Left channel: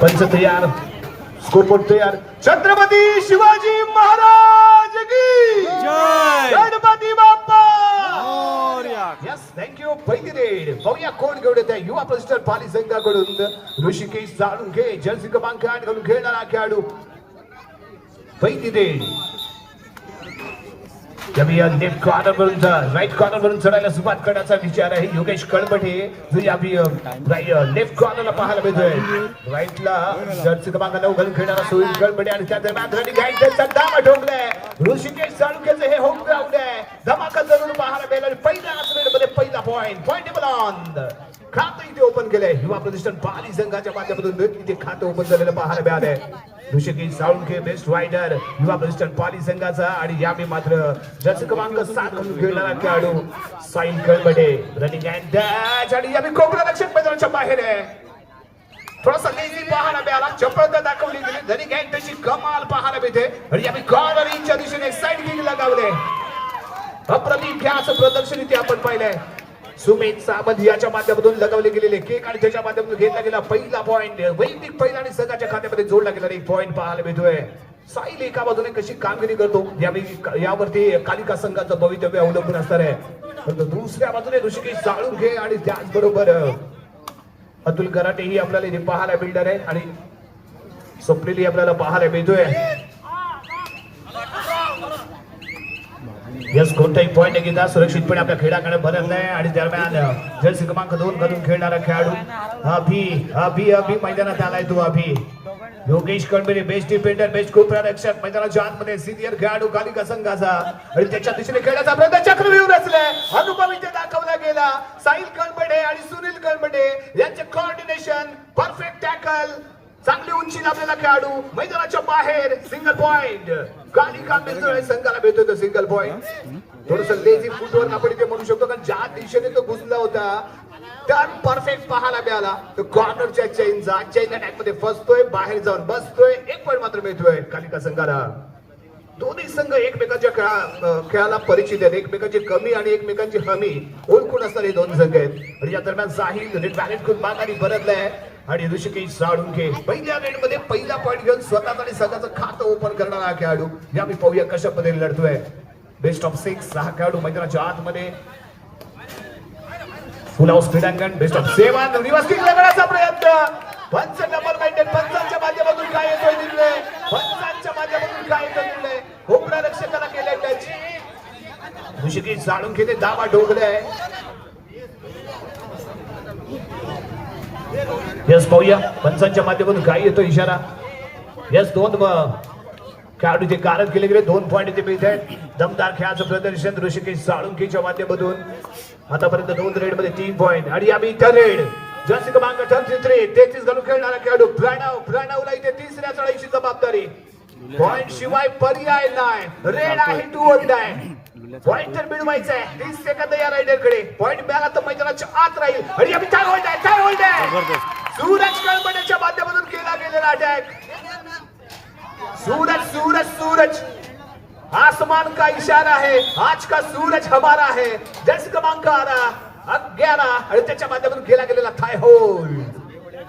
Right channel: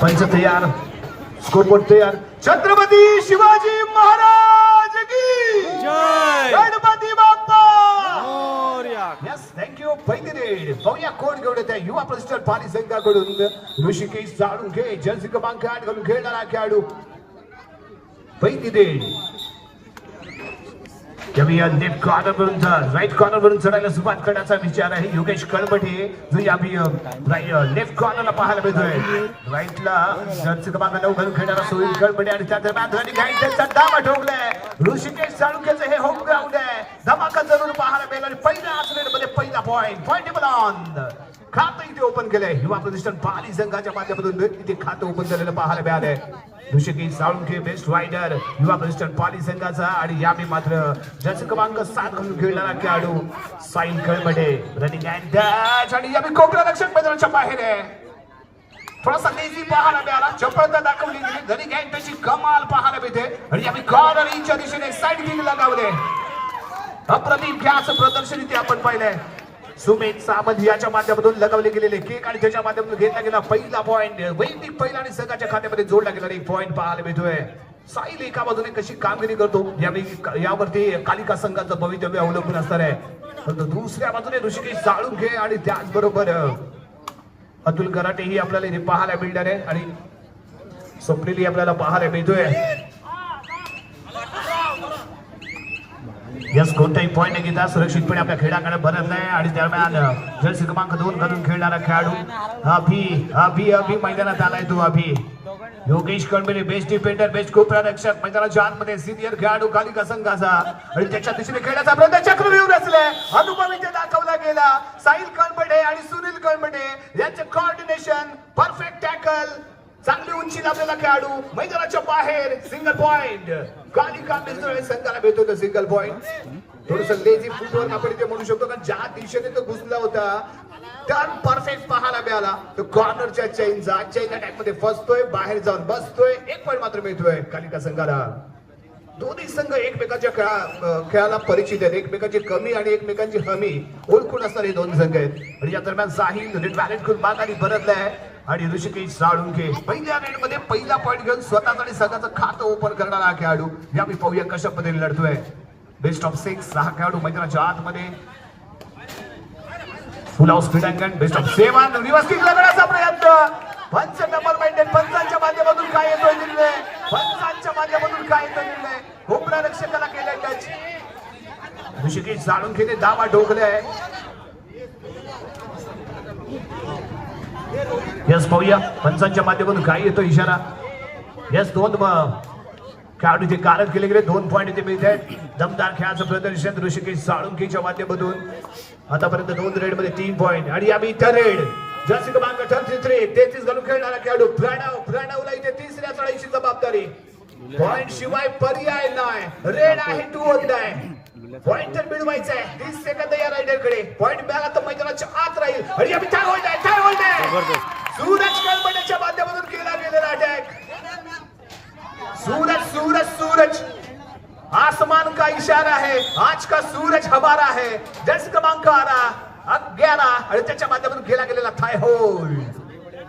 पंच तयार, स्कोरबोर्ड तयार. छत्रपती शिवाजी महाराज की जय. गणपती बाप्पा मोरया. Yes thank you. पहिली रेड पाहूया कोण घेऊन येत आहे. युवा प्रशिक्षण पाली संघाकडून ऋषिकेश जाळुंखे जर्सी क्रमांक 8 घालून खेळणारा खेळाडू. पहिली रेड लेफ्ट कॉर्नर वरून राईट कॉर्नर वरून चढायला सुरुवात करण्याचा विचार आहे. योगेश कळमठे जो या लेफ्ट कॉर्नरला पाहायला मिळतोय. राईटला जर्सी क्रमांक 9 घालून खेळणारा सुनील कळमठे आणि त्या दरम्यान रनिंग धावा ठोकलाय. ऋषिकेश जाळुंखेचं हे होम ग्राउंड आहे. धमाका जरूर पाहायला मिळेल आणि पहिल्या मध्ये पहिला पॉइंटेबल ऑन खातं इथे ओपन केलंय. युवा प्रतिष्ठान पाली संघाच्या माध्यमातून इथे खातं ओपन झालेलं पाहायला मिळालंय. ऋषिकेश जाळुंखे बेस्ट रायडर युवा प्रतिष्ठान पाली संघाचा आणि यावेळी मात्र जर्सी क्रमांक 7 घालून खेळणारा खेळाडू साहिल कळमठे रनिंग अँड डॅश आणि यावेळी कोकणा रक्षक मैदानाच्या बाहेर आहे. थोडासा लेझी पाहायला मिळाला. चपळता दाखवली गेली. रनिंग अँड त्याची कमाल पाहायला मिळते आणि यावेळी कॉर्नर इंच्या दिशेने साईड किक लगावले. अप्रतिम खेळाचं प्रदर्शन इथे आपण पाहिलंय. सुमित सावंत याच्या माध्यमातून लगावले गेलेले केक आणि त्याच्या माध्यमातून घेतला गेला पहिला पॉइंट. वैदिक पहिला आणि संघाच्या खात्यामध्ये जोडला गेला एक पॉइंट पाहायला मिळतोय. साहिल एका बाजूने कशी कामगिरी करतो यावरती कालिका संघाचं भवितव्य अवलंबून असणार आहे. परंतु दुसऱ्या बाजूने ऋषिकेश जाळुंखे आणि त्याचबरोबर अतुल कराटे ही आपल्याला इथे पाहायला मिळणार आहे आणि स्वप्नीली आपल्याला पाहायला मिळतोय. यस कोणताही पॉइंट न घेता सुरक्षितपणे आपल्या खेळाकडे भरतलाय आणि दरम्यान जर्सी क्रमांक 2 घालून खेळणारा खेळाडू अभि मैदानात आलाय. तो अभि योगेश कळमठे बेस्ट डिफेंडर बेस्ट गोलरक्षक मैदानाच्या आतमध्ये सिनियर खेळाडू कालिका संघाचा आणि त्याच्या दिशेने खेळण्याचा प्रयत्न चक्रव्यूह रचले. अनुभव इथे दाखवला गेला. साहिल कळमठे आणि सुनील कळमठे यांचे कोऑर्डिनेशन परफेक्ट टॅकल चांगली उंची लाभलेला खेळाडू मैदानाच्या बाहेर सिंगल पॉइंट. कालिका मिळतोय संघाला मिळतोय सिंगल पॉइंट. थोडस लेझी फुटवर्क आपण इथे म्हणू शकतो कारण ज्या दिशेने तो घुसला होता टर्न परफेक्ट पाहायला मिळाला. तो कॉर्नरच्या चेन अटॅक मध्ये फसतोय बाहेर जाऊन बसतोय. एक पॉइंट मात्र मिळतोय कालिका संघाला. दोन्ही संघ एकमेकांच्या खेळाला परिचित आहेत. एकमेकांची कमी आणि एकमेकांची हमी ओळखून असणारे दोन संघ आहेत आणि या दरम्यान साहिल रेड बॅलेट करून बागारी परतलाय आणि ऋषिकेश जाळुंखे पहिल्या रेड मध्ये पहिला पॉइंट घेऊन स्वतःच आणि संघाचं खातं ओपन करणारा खेळाडू. यावेळी पाहूया कशा पद्धतीने लढतोय. बेस्ट ऑफ 6 6 खेळाडू मैदानाच्या आतमध्ये फुल हाऊस क्रीडांगण. बेस्ट ऑफ 7 रिवर्स किक लगण्याचा प्रयत्न. पंच डबल माइंडेड पंचांच्या माध्यमातून काय येतोय निर्णय. पंचांच्या माध्यमातून काय येतोय निर्णय. कोकणा रक्षकाला केलाय टच. ऋषिकेश जाळुंखेने दावा ठोकलाय. यस पाहूया पंचांच्या माध्यमातून काय येतो इशारा. यस 2 खेळाडू इथे कारक केले गेले. 2 पॉइंट इथे मिळत आहेत. दमदार खेळाचं प्रदर्शन ऋषिकेश जाळुंखेच्या माध्यमातून. आतापर्यंत 2 रेड मध्ये 3 पॉइंट आणि यावेळी इथं रेड जर्सी क्रमांक 33 घालून खेळणारा खेळाडू प्रणवला इथे तिसऱ्या चढाईची जबाबदारी. पॉइंट शिवाय पर्याय नाही. रेड आहे 2 होत आहे. पॉइंट तर मिळवायचा आहे. 30 सेकंद या रायडरकडे. पॉइंट मिळाला तर मैदानाच्या आत राहील आणि यावेळी काय होल्ड आहे सूरज कळमठेच्या माध्यमातून केला गेलेला अटॅक. सूरज आसमान का इशारा है. आज का सूरज हमारा है. जर्सी क्रमांक 11 आणि त्याच्या माध्यमातून केला गेलेला थाय होल्ड.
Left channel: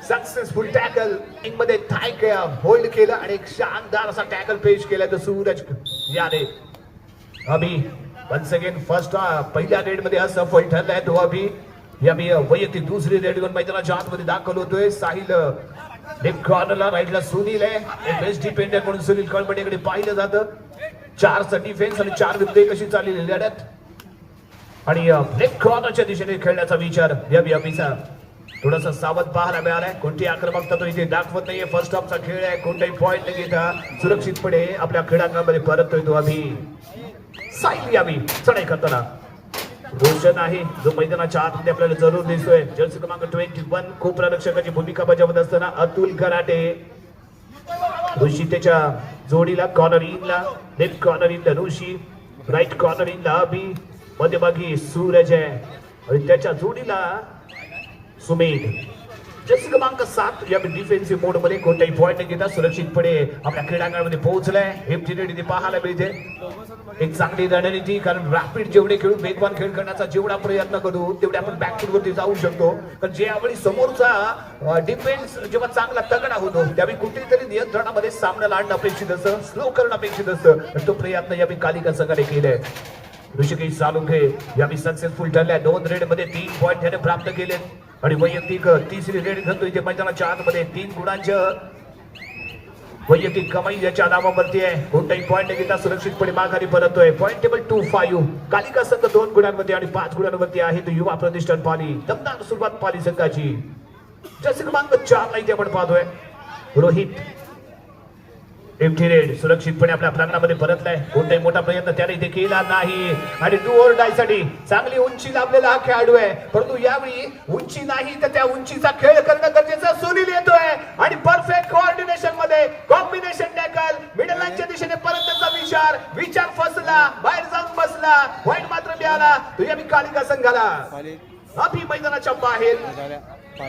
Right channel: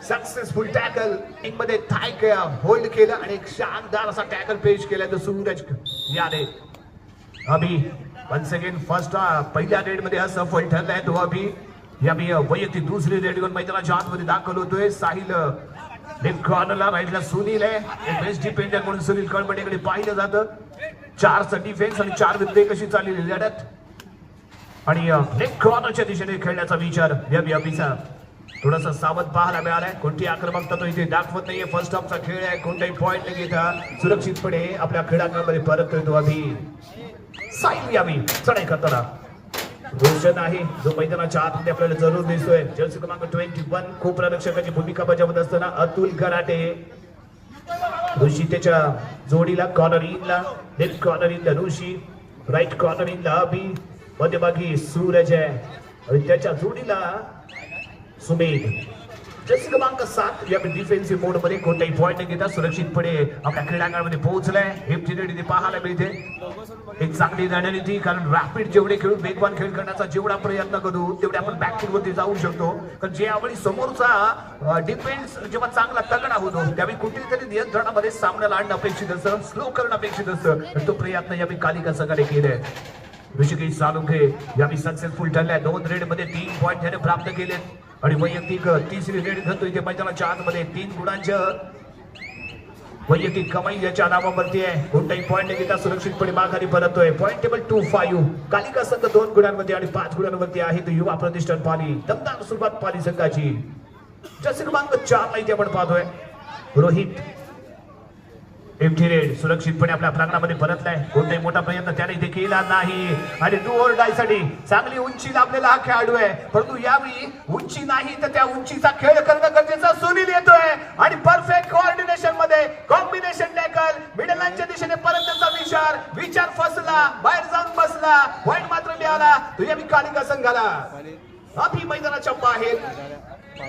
सक्सेसफुल टॅकल मध्ये थाय होल्ड केलं आणि एक शानदार असा टॅकल पेश केला. तर सूरज याने अभि वन्स अगेन फर्स्ट पहिल्या रेड मध्ये असफल ठरलाय. तो अभि यावेळी वैयक्तिक दुसरी रेड घेऊन मैदानाच्या आतमध्ये दाखल होतोय. साहिल लेफ्ट कॉर्नरला राईटला सुनील आहे. बेस्ट डिफेंडर म्हणून सुनील कळमठेकडे पाहिलं जातं. 4चा डिफेन्स आणि 4 विरुद्ध 1 अशी चाललेली लढत आणि लेफ्ट कॉर्नरच्या दिशेने खेळण्याचा विचार यावेळी अभिचा. थोडासा सावध पाहायला मिळालाय. कोणती आक्रमकता तो इथे दाखवत नाहीये. फर्स्ट हाफचा खेळ आहे. कोणताही पॉइंट न घेता सुरक्षितपणे आपल्या खेळांमध्ये परततोय तो अभि. साहिल यावेळी चढाई करताना रोशन आहे जो मैदानाच्या आतमध्ये आपल्याला जरूर दिसतोय. जर्सी क्रमांक 21 कोपरा रक्षकाची भूमिका बजावत असताना अतुल कराटे. ऋषी त्याच्या जोडीला कॉर्नर इनला. लेफ्ट कॉर्नर इनला ऋषी. राईट कॉर्नर इनला अभि. मध्यभागी सूरज आहे आणि त्याच्या जोडीला सुमित. जर्सी क्रमांक 7 या डिफेन्सिव्ह मोड मध्ये कोणताही पॉईंट न घेता सुरक्षितपणे आपल्या क्रीडांगणामध्ये पोहोचलाय. एमटी पाहायला मिळते एक चांगली रणनीती, कारण रॅपिड जेवढे खेळू वेगवान खेळ करण्याचा जेवढा प्रयत्न करू तेवढे आपण बॅकफूट वरती जाऊ शकतो. कारण ज्यावेळी समोरचा डिफेन्स जेव्हा चांगला तगडा होतो त्यावेळी कुठेतरी नियंत्रणामध्ये सामन्याला आणणं अपेक्षित असतं, स्लो करणं अपेक्षित असतं. तो प्रयत्न यावेळी कालिका संघाने केलाय. ऋषिकेश साळुंखे यावेळी सक्सेसफुल ठरलाय. 2 रेड मध्ये 3 पॉईंट त्याने प्राप्त केलेत आणि वैयक्तिक तिसरी रेड घेतो इथे मैदानाच्या आतमध्ये 3 गुणांचं वैयक्तिक कमाई याच्या नावावरती आहे. कोणताही पॉईंट न घेता सुरक्षितपणे माघारी परततोय. Point table 2-5. कालिका संघ 2 गुणांवरती आणि 5 गुणांवरती आहे. तो युवा प्रतिष्ठान पाली. दमदार सुरुवात पाली संघाची. जर्सी क्रमांक 4 इथे आपण पाहतोय रोहित एमटी रेड सुरक्षितपणे आपल्या प्रांगणामध्ये परतलाय. कोणताही मोठा प्रयत्न त्याने इथे केला नाही आणि डू ऑर डाय साठी चांगली उंची लाभलेला हा खेळाडू आहे. परंतु यावेळी उंची नाही तर त्या उंचीचा खेळ करणं गरजेचं. सुनील येतोय आणि परफेक्ट कोऑर्डिनेशन मध्ये कॉम्बिनेशन टॅकल मिडल लाईनच्या दिशेने परत त्याचा विचार फसला, बाहेर जाऊन बसला. पॉईंट मात्र मिळाला. तो यावेळी कालिका संघाला अभि मैदानाच्या बाहेर.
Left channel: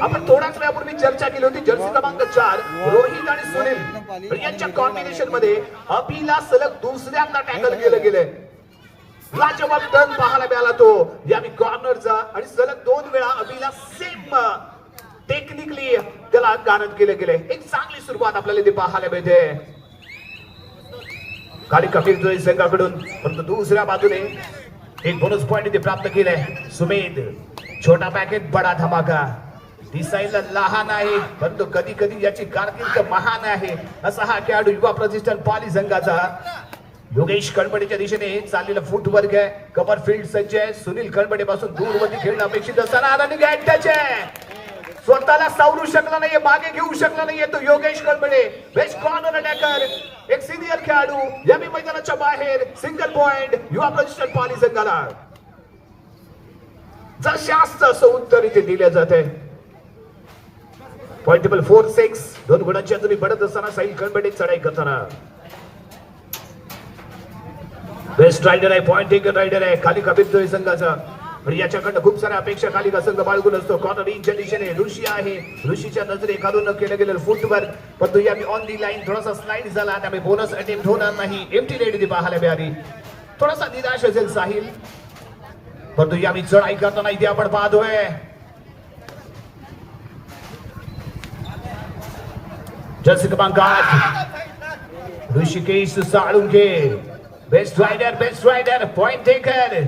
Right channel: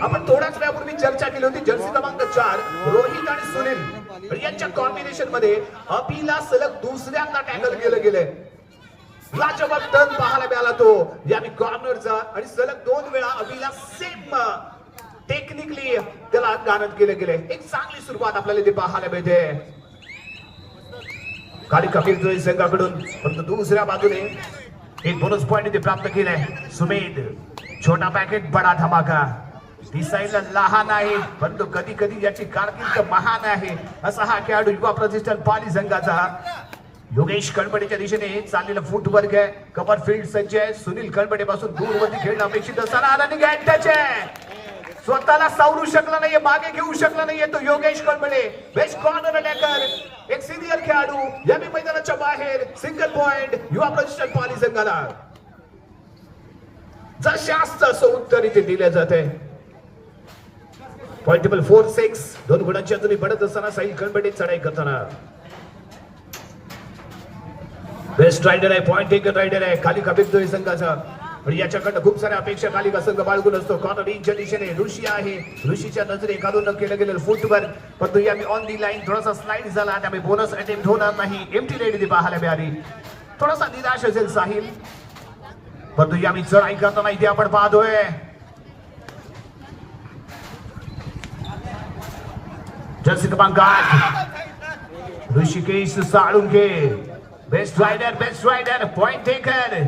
आपण थोड्याच वेळापूर्वी चर्चा केली होती जर्सी क्रमांक 4 रोहित आणि सुनील यांच्या कॉम्बिनेशन मध्ये अभिला सलग दुसऱ्यांदा टॅकल केलं गेलंय. लाजवाब टर्न पाहायला मिळाला तो यावेळी कॉर्नरचा आणि सलग 2 वेळा अभिला सेम टेक्निकली त्याला गानत केलं गेलंय. एक चांगली सुरुवात आपल्याला इथे पाहायला मिळते कालिका फिरतोय संघाकडून. परंतु दुसऱ्या बाजूने एक बोनस पॉइंट इथे प्राप्त केलाय सुमेध. छोटा पॅकेट बडा धमाका. दिसायला लहान आहे परंतु कधी कधी याची कारकीर्द महान आहे असा हा खेळाडू युवा प्रतिष्ठान पाली संघाचा. योगेश कळंबडेच्या दिशेने चाललेला फुटवर्क आहे. कव्हर फील्ड सज्ज आहे. सुनील कळंबडे पासून दूरवरती खेळणं अपेक्षित असताना रनिंग अटॅच आहे. स्वतःला सावरू शकला नाहीये, मागे घेऊ शकला नाहीये तो योगेश कळंबडे. बेस्ट कॉर्नर अटॅकर, एक सिनियर खेळाडू यावेळी मैदानाच्या बाहेर. सिंगल पॉइंट युवा प्रतिष्ठान पाली संघाला. जास्त असं उत्तर इथे दिले जाते. Point table 4-6. 2 गुणांच्या तुम्ही पडत असताना साहिल कळंबडे चढाई करताना. बेस्ट रायडर आहे, पॉइंट टेकर रायडर आहे कालिका फिरतोय संघाचा. आणि याच्याकडनं खूप साऱ्या अपेक्षा कालिका संघ बाळगून असतो. कॉर्नर इंच्या दिशेने ऋषी आहे. ऋषीच्या नजरे घालून केलं गेलेलं फुटवर्क परंतु यावेळी ऑन दी लाईन थोडासा स्लाइड झाला. त्यामुळे बोनस अटेम्प्ट होणार नाही. एमटी रेड इथे पाहायला मिळाली. थोडासा निराश असेल साहिल परंतु यावेळी चढाई करताना इथे आपण पाहतोय जर्सी क्रमांक 8 Rishikesh Salunkhe. Best raider point taker.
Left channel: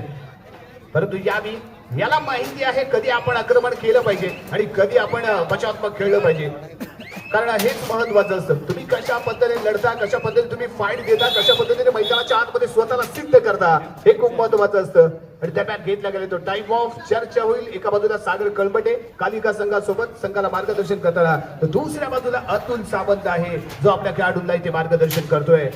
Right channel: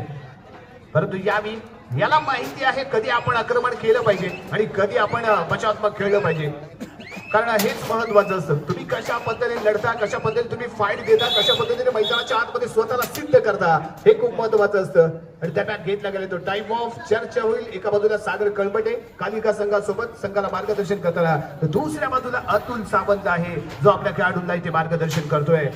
परंतु यावेळी याला माहिती आहे कधी आपण आक्रमण केलं पाहिजे आणि कधी आपण बचावात्मक खेळलं पाहिजे. कारण हेच महत्वाचं असतं. तुम्ही कशा पद्धतीने लढता, कशा पद्धतीने तुम्ही फाईट देता, कशा पद्धतीने मैदानाच्या आतमध्ये स्वतःला सिद्ध करता हे खूप महत्वाचं असतं. आणि त्या घेतला गेला तो टाइम ऑफ. चर्चा होईल. एका बाजूला सागर कळंबडे कालिका संघासोबत संघाला मार्गदर्शन करताना तर दुसऱ्या बाजूला अतुल सावंत आहे जो आपल्या खेळाडूंना इथे मार्गदर्शन करतोय.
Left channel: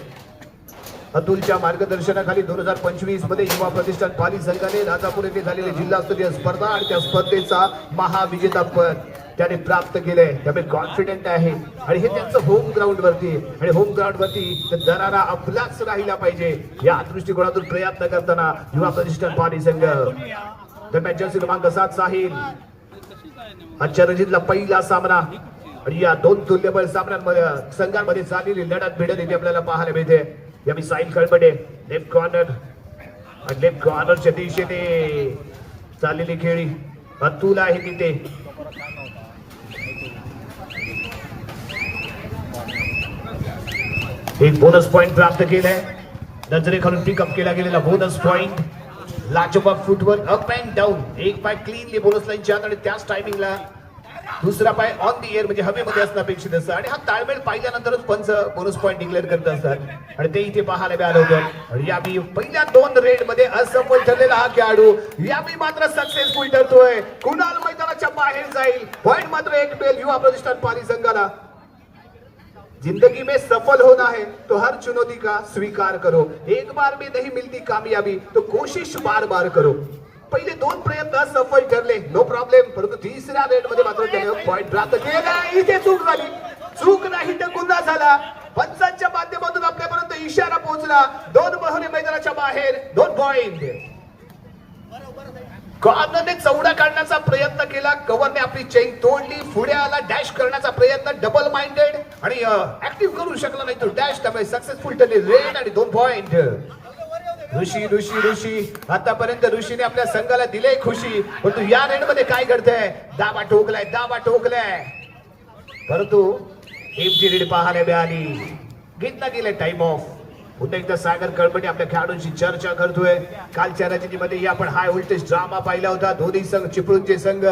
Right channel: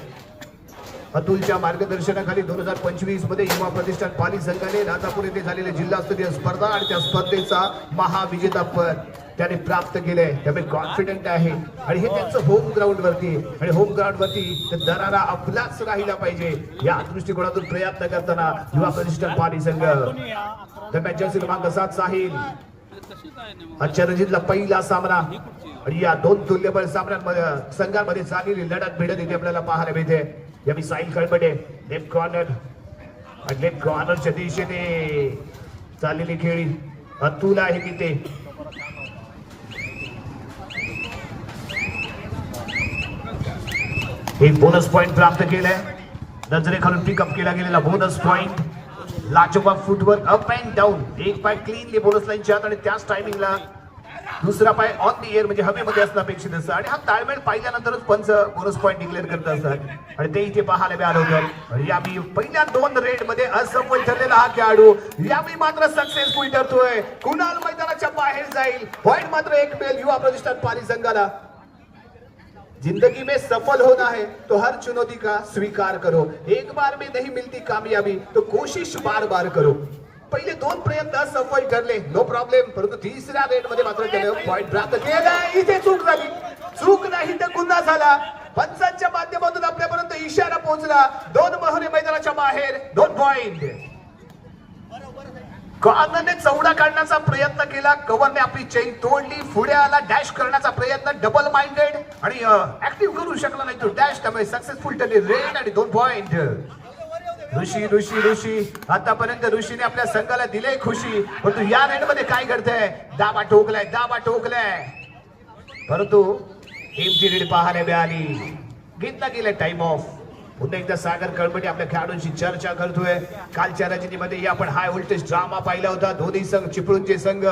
अतुलच्या मार्गदर्शनाखाली 2025 मध्ये युवा प्रतिष्ठान पाली संघाने राजापूर येथे झालेली जिल्हास्तरीय स्पर्धा आणि त्या स्पर्धेचा महाविजेता पद त्याने प्राप्त केलंय. त्यामुळे कॉन्फिडंट आहे आणि हे त्यांचं होम ग्राउंड वरती आणि होम ग्राउंड वरती दरारा आपलाच राहिला पाहिजे या दृष्टिकोनातून प्रयत्न करताना युवा प्रतिष्ठान पाली संघ. दरम्यान जर्सी क्रमांक 7 साहिल. आजच्या रणजीतला पहिला सामना आणि या 2 तुल्यबळ सामन्यांमध्ये संघांमध्ये झालेली लढत भिडत इथे आपल्याला पाहायला मिळते. यावेळी साहिल कळंबडे लेफ्ट कॉर्नरच्या दिशेने चाललेली खेळी. अतुल आहे तिथे. एक बोनस पॉइंट प्राप्त केलाय. नजरेखालून पिकअप केला गेलेला बोनस पॉइंट. लाजवाब फुटवर्क अप अँड डाऊन. एक पाय क्लीनली बोनस लाईनच्या आत आणि त्याच टायमिंगला दुसरा पाय ऑन दी एअर म्हणजे हवेमध्ये असणं अपेक्षित असतं. आणि हा ताळमेळ पाहिल्यानंतरच पंच बोनस पॉइंट डिक्लेअर करत असतात आणि ते इथे पाहायला मिळालं होतं. यावेळी पहिल्या 2 रेड मध्ये असफल ठरलेला हा खेळाडू यावेळी मात्र सक्सेसफुल ठरतोय. कुणाल मैदानाच्या बाहेर जाईल. पॉइंट मात्र एक मिळेल युवा प्रतिष्ठान पाली संघाला. जिंदगी में सफल होना है तो हर चुनौती का स्वीकार करो. एक बार में नहीं मिलती कामयाबी तो कोशिश बार बार करो. पहिले 2 प्रयत्न सफल ठरले, नो प्रॉब्लेम. परंतु तिसऱ्या रेड मध्ये मात्र त्याने पॉइंट प्राप्त केला. इथे चूक झाली. चूक नाही तर गुन्हा झाला. पंचांच्या माध्यमातून आपल्यापर्यंत इशारा पोहोचला. 2 मोहरे मैदानाच्या बाहेर 2 पॉइंट. कॉर्नरने चौडा काढण्याचा प्रयत्न केला, कव्हरने आपली चेन तोडली, पुढे आला डॅश करण्याचा प्रयत्न, डबल माइंडेड आणि ऍक्टिव्ह करू शकला नाही तो डॅश, त्यामुळे सक्सेसफुल ठरले रेड आणि 2 पॉइंट. ऋषी आतापर्यंत ऋषीने आपल्या संघाला दिले खुशी, परंतु या रेड मध्ये काय घडतंय, दाबा ठोकलाय परंतु एमची रीड पाहायला मिळाली, घेतला गेला टाइम ऑफ. पुन्हा एकदा सागर कळपटे आपल्या खेळाडूंची चर्चा करतोय. कालच्या रजनीमध्ये आपण हाय व्होल्टेज ड्रामा पाहिला होता. दोन्ही संघ चिपळूणचे संघ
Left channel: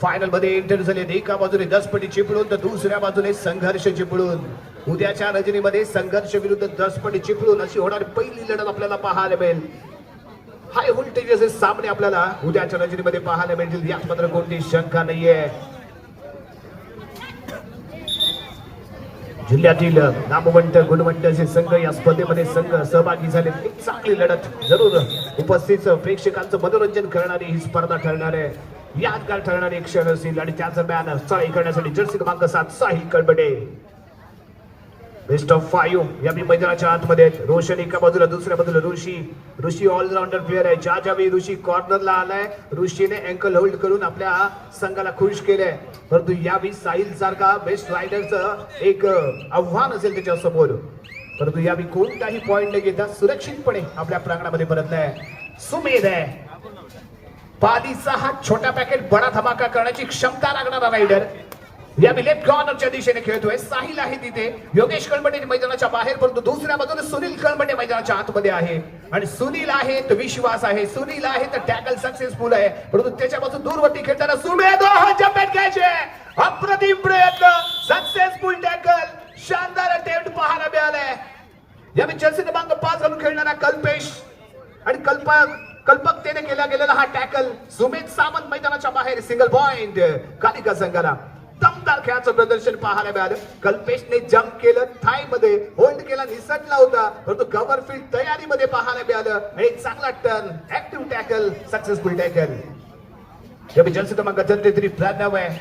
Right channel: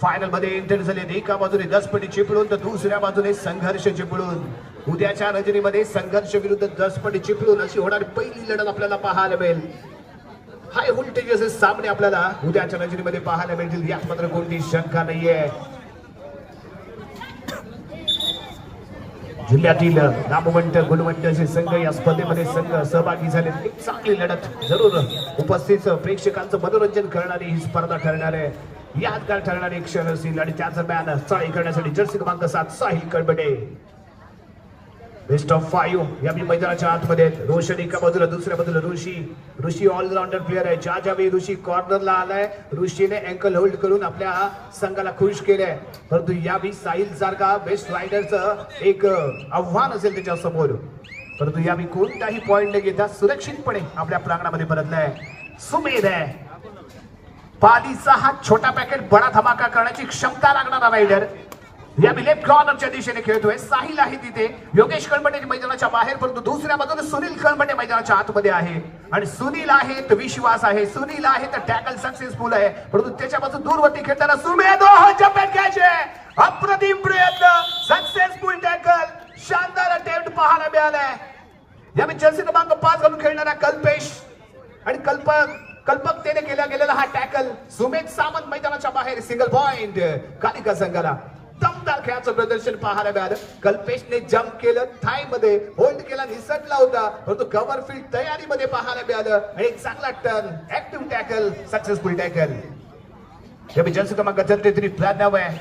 फायनल मध्ये एंटर झाले. एका बाजूने 10 पटी चिपळूण तर दुसऱ्या बाजूने संघर्ष चिपळूण. उद्याच्या रजनीमध्ये संघर्ष विरुद्ध 10 पटी चिपळूण अशी होणारी पहिली लढत आपल्याला पाहायला मिळेल. हाय व्होल्टेज असे सामने आपल्याला उद्याच्या रजनीमध्ये पाहायला मिळतील, यात मात्र कोणती शंका नाहीये. जिल्ह्यातील नामवंत गुणवंत असे संघ या स्पर्धेमध्ये संघ सहभागी झाले. एक चांगली लढत जरूर उपस्थित प्रेक्षकांचं मनोरंजन करणारी ही स्पर्धा ठरणार आहे, यादगार ठरणारी एक क्षण असेल. आणि त्या दरम्यान चढाई करण्यासाठी जर्सी क्रमांक 7 साहिल कळबडे बेस्ट ऑफ 5 या मैदानाच्या आतमध्ये. रोशन एका बाजूला, दुसऱ्या बाजूला ऋषी ऑलराऊंडर प्लेअर आहे. ज्यावेळी ऋषी कॉर्नरला आलाय, ऋषीने अँकल होल्ड करून आपल्या संघाला खुश केलंय. परंतु यावेळी साहिल सारखा बेस्ट रायडरचं एक आव्हान असेल त्याच्या समोर. परंतु यावेळी कोणताही पॉइंट न घेता सुरक्षितपणे आपल्या प्रांगणामध्ये परतलाय. सुमेध आहे, पालीचा हा छोटा पॅकेट बडा धमाका करण्याची क्षमता लागणारा रायडर. या लेफ्ट कॉर्नरच्या दिशेने खेळतोय. साहिल आहे तिथे, योगेश कळमटे मैदानाच्या बाहेर, परंतु दुसऱ्या बाजूने सुनील कळमटे मैदानाच्या आतमध्ये आहे. आणि सुनील आहे तर विश्वास आहे, सुनील आहे तर टॅकल सक्सेसफुल आहे. परंतु त्याच्यापासून दूरवरती खेळताना सुमेध अप्रतिम प्रयत्न, सक्सेसफुल टॅकल, शानदार अटेम्प्ट पाहायला मिळालाय. या जर्सी क्रमांक 5 घालून खेळणारा कल्पेश आणि कल्पकतेने केला गेलेला हा टॅकल. सुमेध सामंत मैदानाच्या बाहेर, सिंगल पॉइंट कालिका संघाला. दमदार खेळाचं प्रदर्शन पाहायला मिळालं. कल्पेशने जम्प केलं, थाय मध्ये होल्ड केला, निसटला होता, परंतु कव्हर फील्ड तयारीमध्ये पाहायला मिळालं. आणि एक चांगला turn, active tackle, successful tackle. Jersey क्रमांक 33 प्रणव आहे,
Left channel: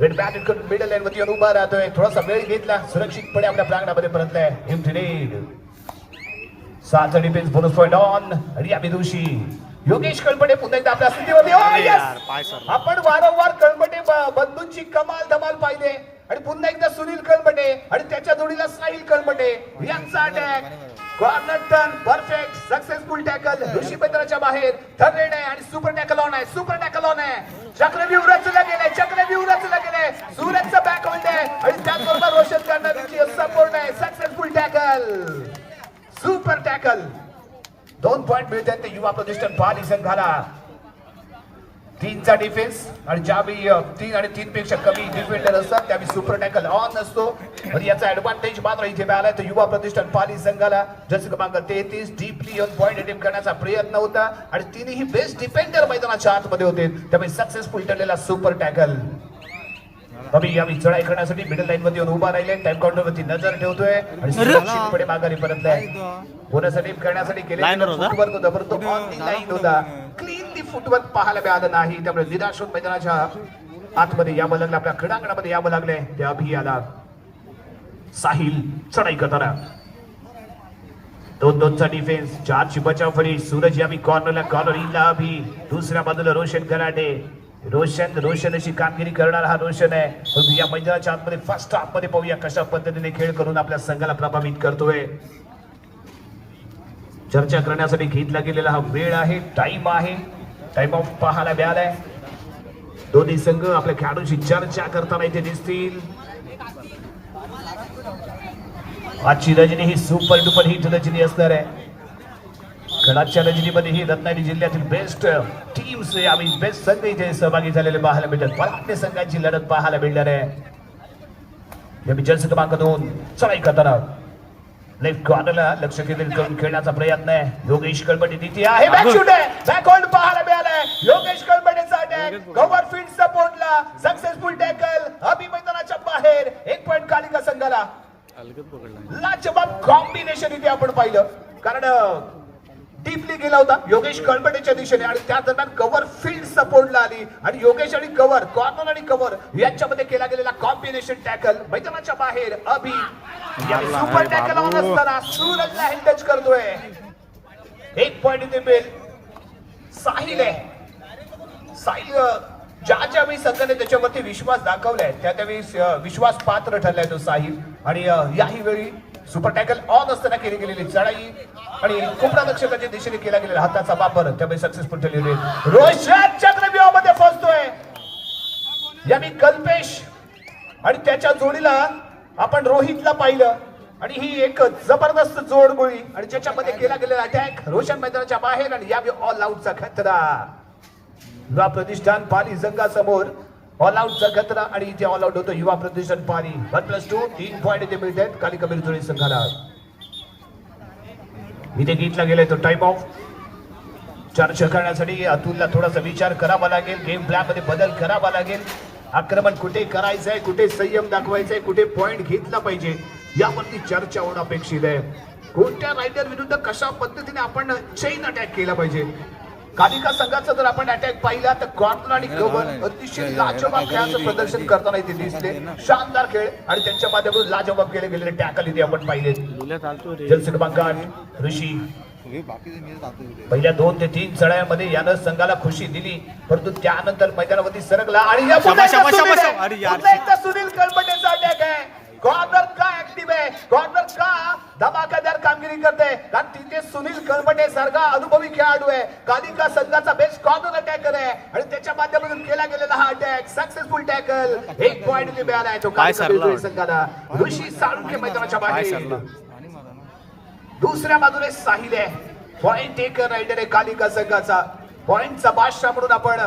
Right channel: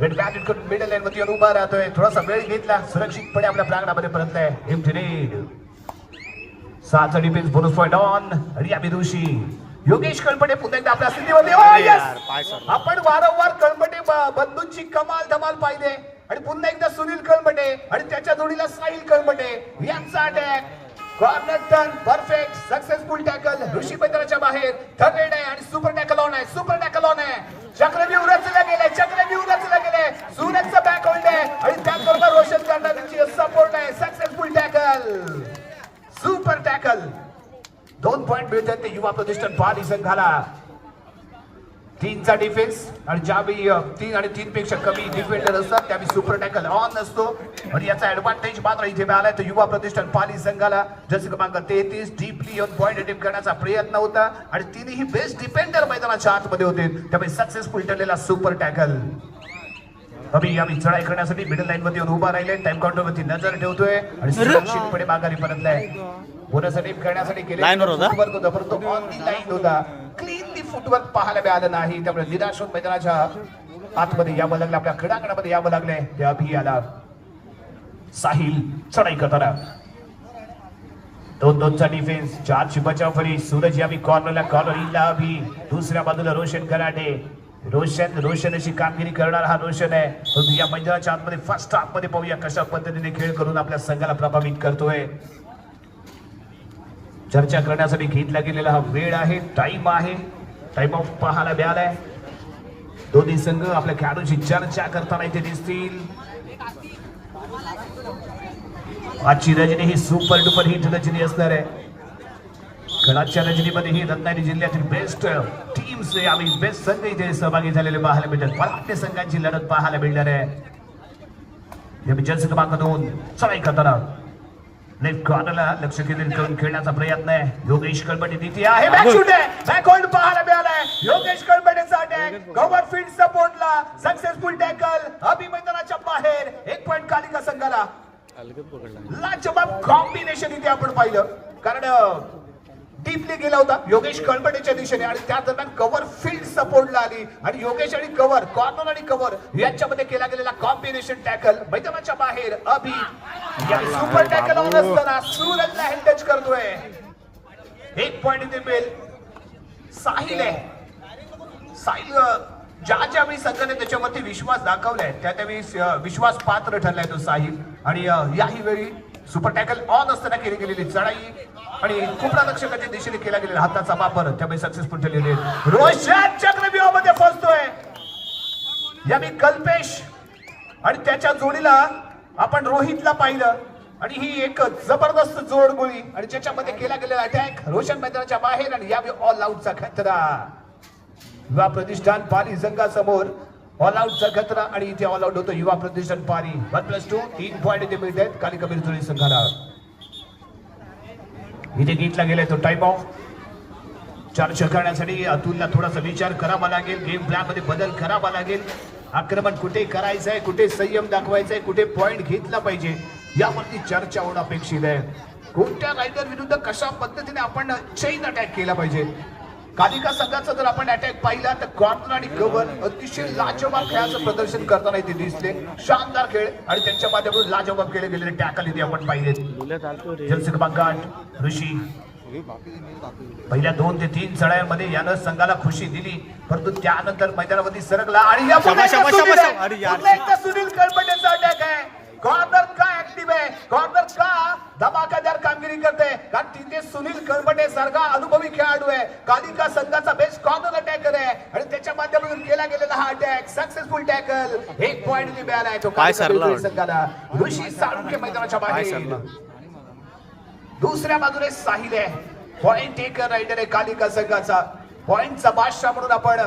रेड बॅट करून मिडल लाईन वरती उभा राहतोय. थोडासा वेळ घेतला, सुरक्षितपणे आपल्या प्रांगणामध्ये परतलाय. MT 7 defence bonus point on. आणि या ऋषी योगेश कळमटे पुन्हा एकदा आपल्या स्थितीमध्ये. आपण वारंवार कळमटे बंधूंची कमाल धमाल पाहिले. आणि पुन्हा एकदा सुनील कळमटे आणि त्याच्या जोडीला साहिल कळमटे यांचा attack. Corner turn perfect, successful tackle. Rishi मैदानाच्या बाहेर, थर्ड रेड आहे आणि सुपर टॅकल ऑन आहे, चक्रव्यूह रचला गेलाय. सूरजचा बॅक हँड आहे आणि त्याचबरोबर रोशन करणारी सपोर्ट आहे. Successful tackle, super tackle. 2 point मिळतात ते युवा प्रतिष्ठान पाली संघाला. 3चा डिफेन्स आणि ज्यावेळी 3 आणि 3 पेक्षा कमी डिफेंडर असतात त्यावेळी सुपर टॅकल ऑन असतो. आणि याचा ऍडव्हान्टेज मात्र इथे मिळालाय तो युवा प्रतिष्ठान पाली संघाला. जर्सी क्रमांक 33 डीपली ऑन पॉइंट अटेम्प्ट करण्याचा प्रयत्न होता आणि तिन्ही बेस्ट डिफेंडर मैदानाच्या आतमध्ये होते, त्यामुळे सक्सेसफुल ठरलेला सुपर टॅकल. यावेळी चढाई करण्यासाठी मिडल लाईन वरती उभा राहिले, टाइम काउंटर वरती नजर ठेवतोय आणि सुरक्षितपणे माघारी परतलाय. बोनस अटेम्प्ट करण्यासाठी फुटवर्क होता, परंतु ऑन दी लाईन होता. क्लीन दी फुटवर्क पाहायला मिळालं नाही, त्यामुळे निराश होऊन मैदानाच्या आतमध्ये यावं लागलं, आपल्या क्रीडांगणामध्ये यावं लागले. त्या अभियाला साहिल चढाई करताना 2-2चा डिफेन्स, 4ची बचाव फळी. सूरज यावी कॉर्नरला, कॉर्नर अभि. दुसऱ्या बाजूला रोशन कराटे. रोशन अशी कामगिरी करणारा हा रोशन आहे. परंतु या मैदानाच्या आतमध्ये फर्स्ट हाफ मध्ये पाहूया कशा पद्धतीने खेळ करून आपल्या संघाला प्रभावित करतोय. चर्चा करण्यासाठी घेतला गेलेला हा वेळ आहे, टाइम आहे, टाइम ऑफ पाहायला मिळालाय. दोन्ही संघ आपल्या खेळाडूंची चर्चा करताना इथे दिसतील. आजची रजनी ही सुपर डुपर हिट रजनी असणार आहे. खडाच्या रजनीमध्ये ही रत्नागिरी जिल्ह्यातील बेस्ट टीम्स आणि बेस्ट संघ इथे सहभागी झालेले पाहायला मिळतात. पराठे संघांची लढत पाहायला मिळणार आहे. जर्सी क्रमांक 2 चढाई करताना लेफ्ट कॉर्नरला लक्ष केंद्रित करून खेळण्याचा प्रयत्न आहे. योगेश कळमटे तिथे आहे, बॅक शूट आहे, बॅक होल्ड पाहायला मिळालाय. योगेश कळमटेचा अटॅक, कव्हर फील्ड सपोर्टला, सक्सेसफुल टॅकल. अभि मैदानाच्या बाहेर, 1 पॉइंट कालिका संघाला. लाजवाब कॉम्बिनेशन इथे आपण पाहिलं, कारण डीपली गेला होता योगेश कळमटेच्या दिशेने आणि त्या दरम्यान कव्हर फील्ड सपोर्टला आली आणि योगेश आणि कव्हर, कॉर्नर आणि कव्हर यांच्यामध्ये केला गेलेला कॉम्बिनेशन टॅकल. मैदानाच्या बाहेर अभि सुपर टॅकल ऑन असताना सूरजला हेड टच करतोय. 1 पॉइंट इथे मिळेल. साहिल आहे साहिल ज्या वेळी संघाने त्याच्यावरती विश्वास दाखवलाय त्यावेळी विश्वास पात्र ठरलाय तो साहिल. आणि याही वेळी सुपर टॅकल ऑन असताना केली गेलेली चढाई आणि कुपरारक्षकाच्या दिशेने केला गेलेला हाताचा वापर त्यामुळे सक्सेसफुल ठरलेली. रोशन चक्रव्यूहामध्ये फसतोय याने कल्पेश आणि त्याच्या जोडीला आपण रोहितला पाहिलं आणि ही एक जबरदस्त जोडगोळी आणि ज्याच्यामध्ये केला गेलेला अटॅक रोशन मैदानाच्या बाहेर आणि यावेळी ऑल आउटचा खतरा. युवा प्रतिष्ठान पाली संघासमोर ऑल आउटचा खतरा आणि इथे ऑल आउट होतं युवा प्रतिष्ठान पाली. 1+2 3 पॉइंट इथे मिळतात कालिका बिरजुळी संघाला. इथे घेतला गेलाय तो टाइम ऑफ. चर्चा करण्यासाठी अतुलला थोडासा विचार करावा लागेल, गेम प्लॅन मध्ये बदल करावा लागेल. आक्रमण कुठे करायचंय, कुठे संयम दाखवायचंय, कुठे पॉइंट घेतला पाहिजे यावरती चर्चा होणं अपेक्षित आहे. कोणत्या रायडर विरुद्ध कशा पद्धतीने आपण चेन अटॅक केला पाहिजे. कालिका संघाचा जर आपण अटॅक पाहिला तर कॉर्नर आणि कव्हर अतिशय लाजवाब खेळाचं प्रदर्शन करताना इथे दिसले. शानदार खेळ आणि त्यांच्या माध्यमातून लाजवाब केले गेलेले टॅकल इथे आपण पाहिले. जलसी क्रमांक ऋषी पहिल्या 2 ते 3 चढायांमध्ये यानं संघाला खुशी दिली परंतु त्यानंतर मैदानावरती सरकला आणि सुनील कळपटेचा अटॅक आहे. कॉर्नर का ऍक्टिव्ह आहे, कॉर्नर का धमाकेदार कामगिरी करते कारण तिथे सुनील कळपटे सारखा अनुभवी खेळाडू आहे. कालिका संघाचा बेस्ट कॉर्नर अटॅकर आहे आणि त्याच्या माध्यमातून केला गेलेला हा अटॅक सक्सेसफुल टॅकल. 1 पॉइंट मिळाला आहे तो कालिका संघाला. ऋषी साळुंखे मैदानाच्या बाहेर. दुसऱ्या बाजूने साहिल आहे पॉइंट टेकर रायडर आहे कालिका संघाचा. पॉइंटचा बादशाह म्हणून आपण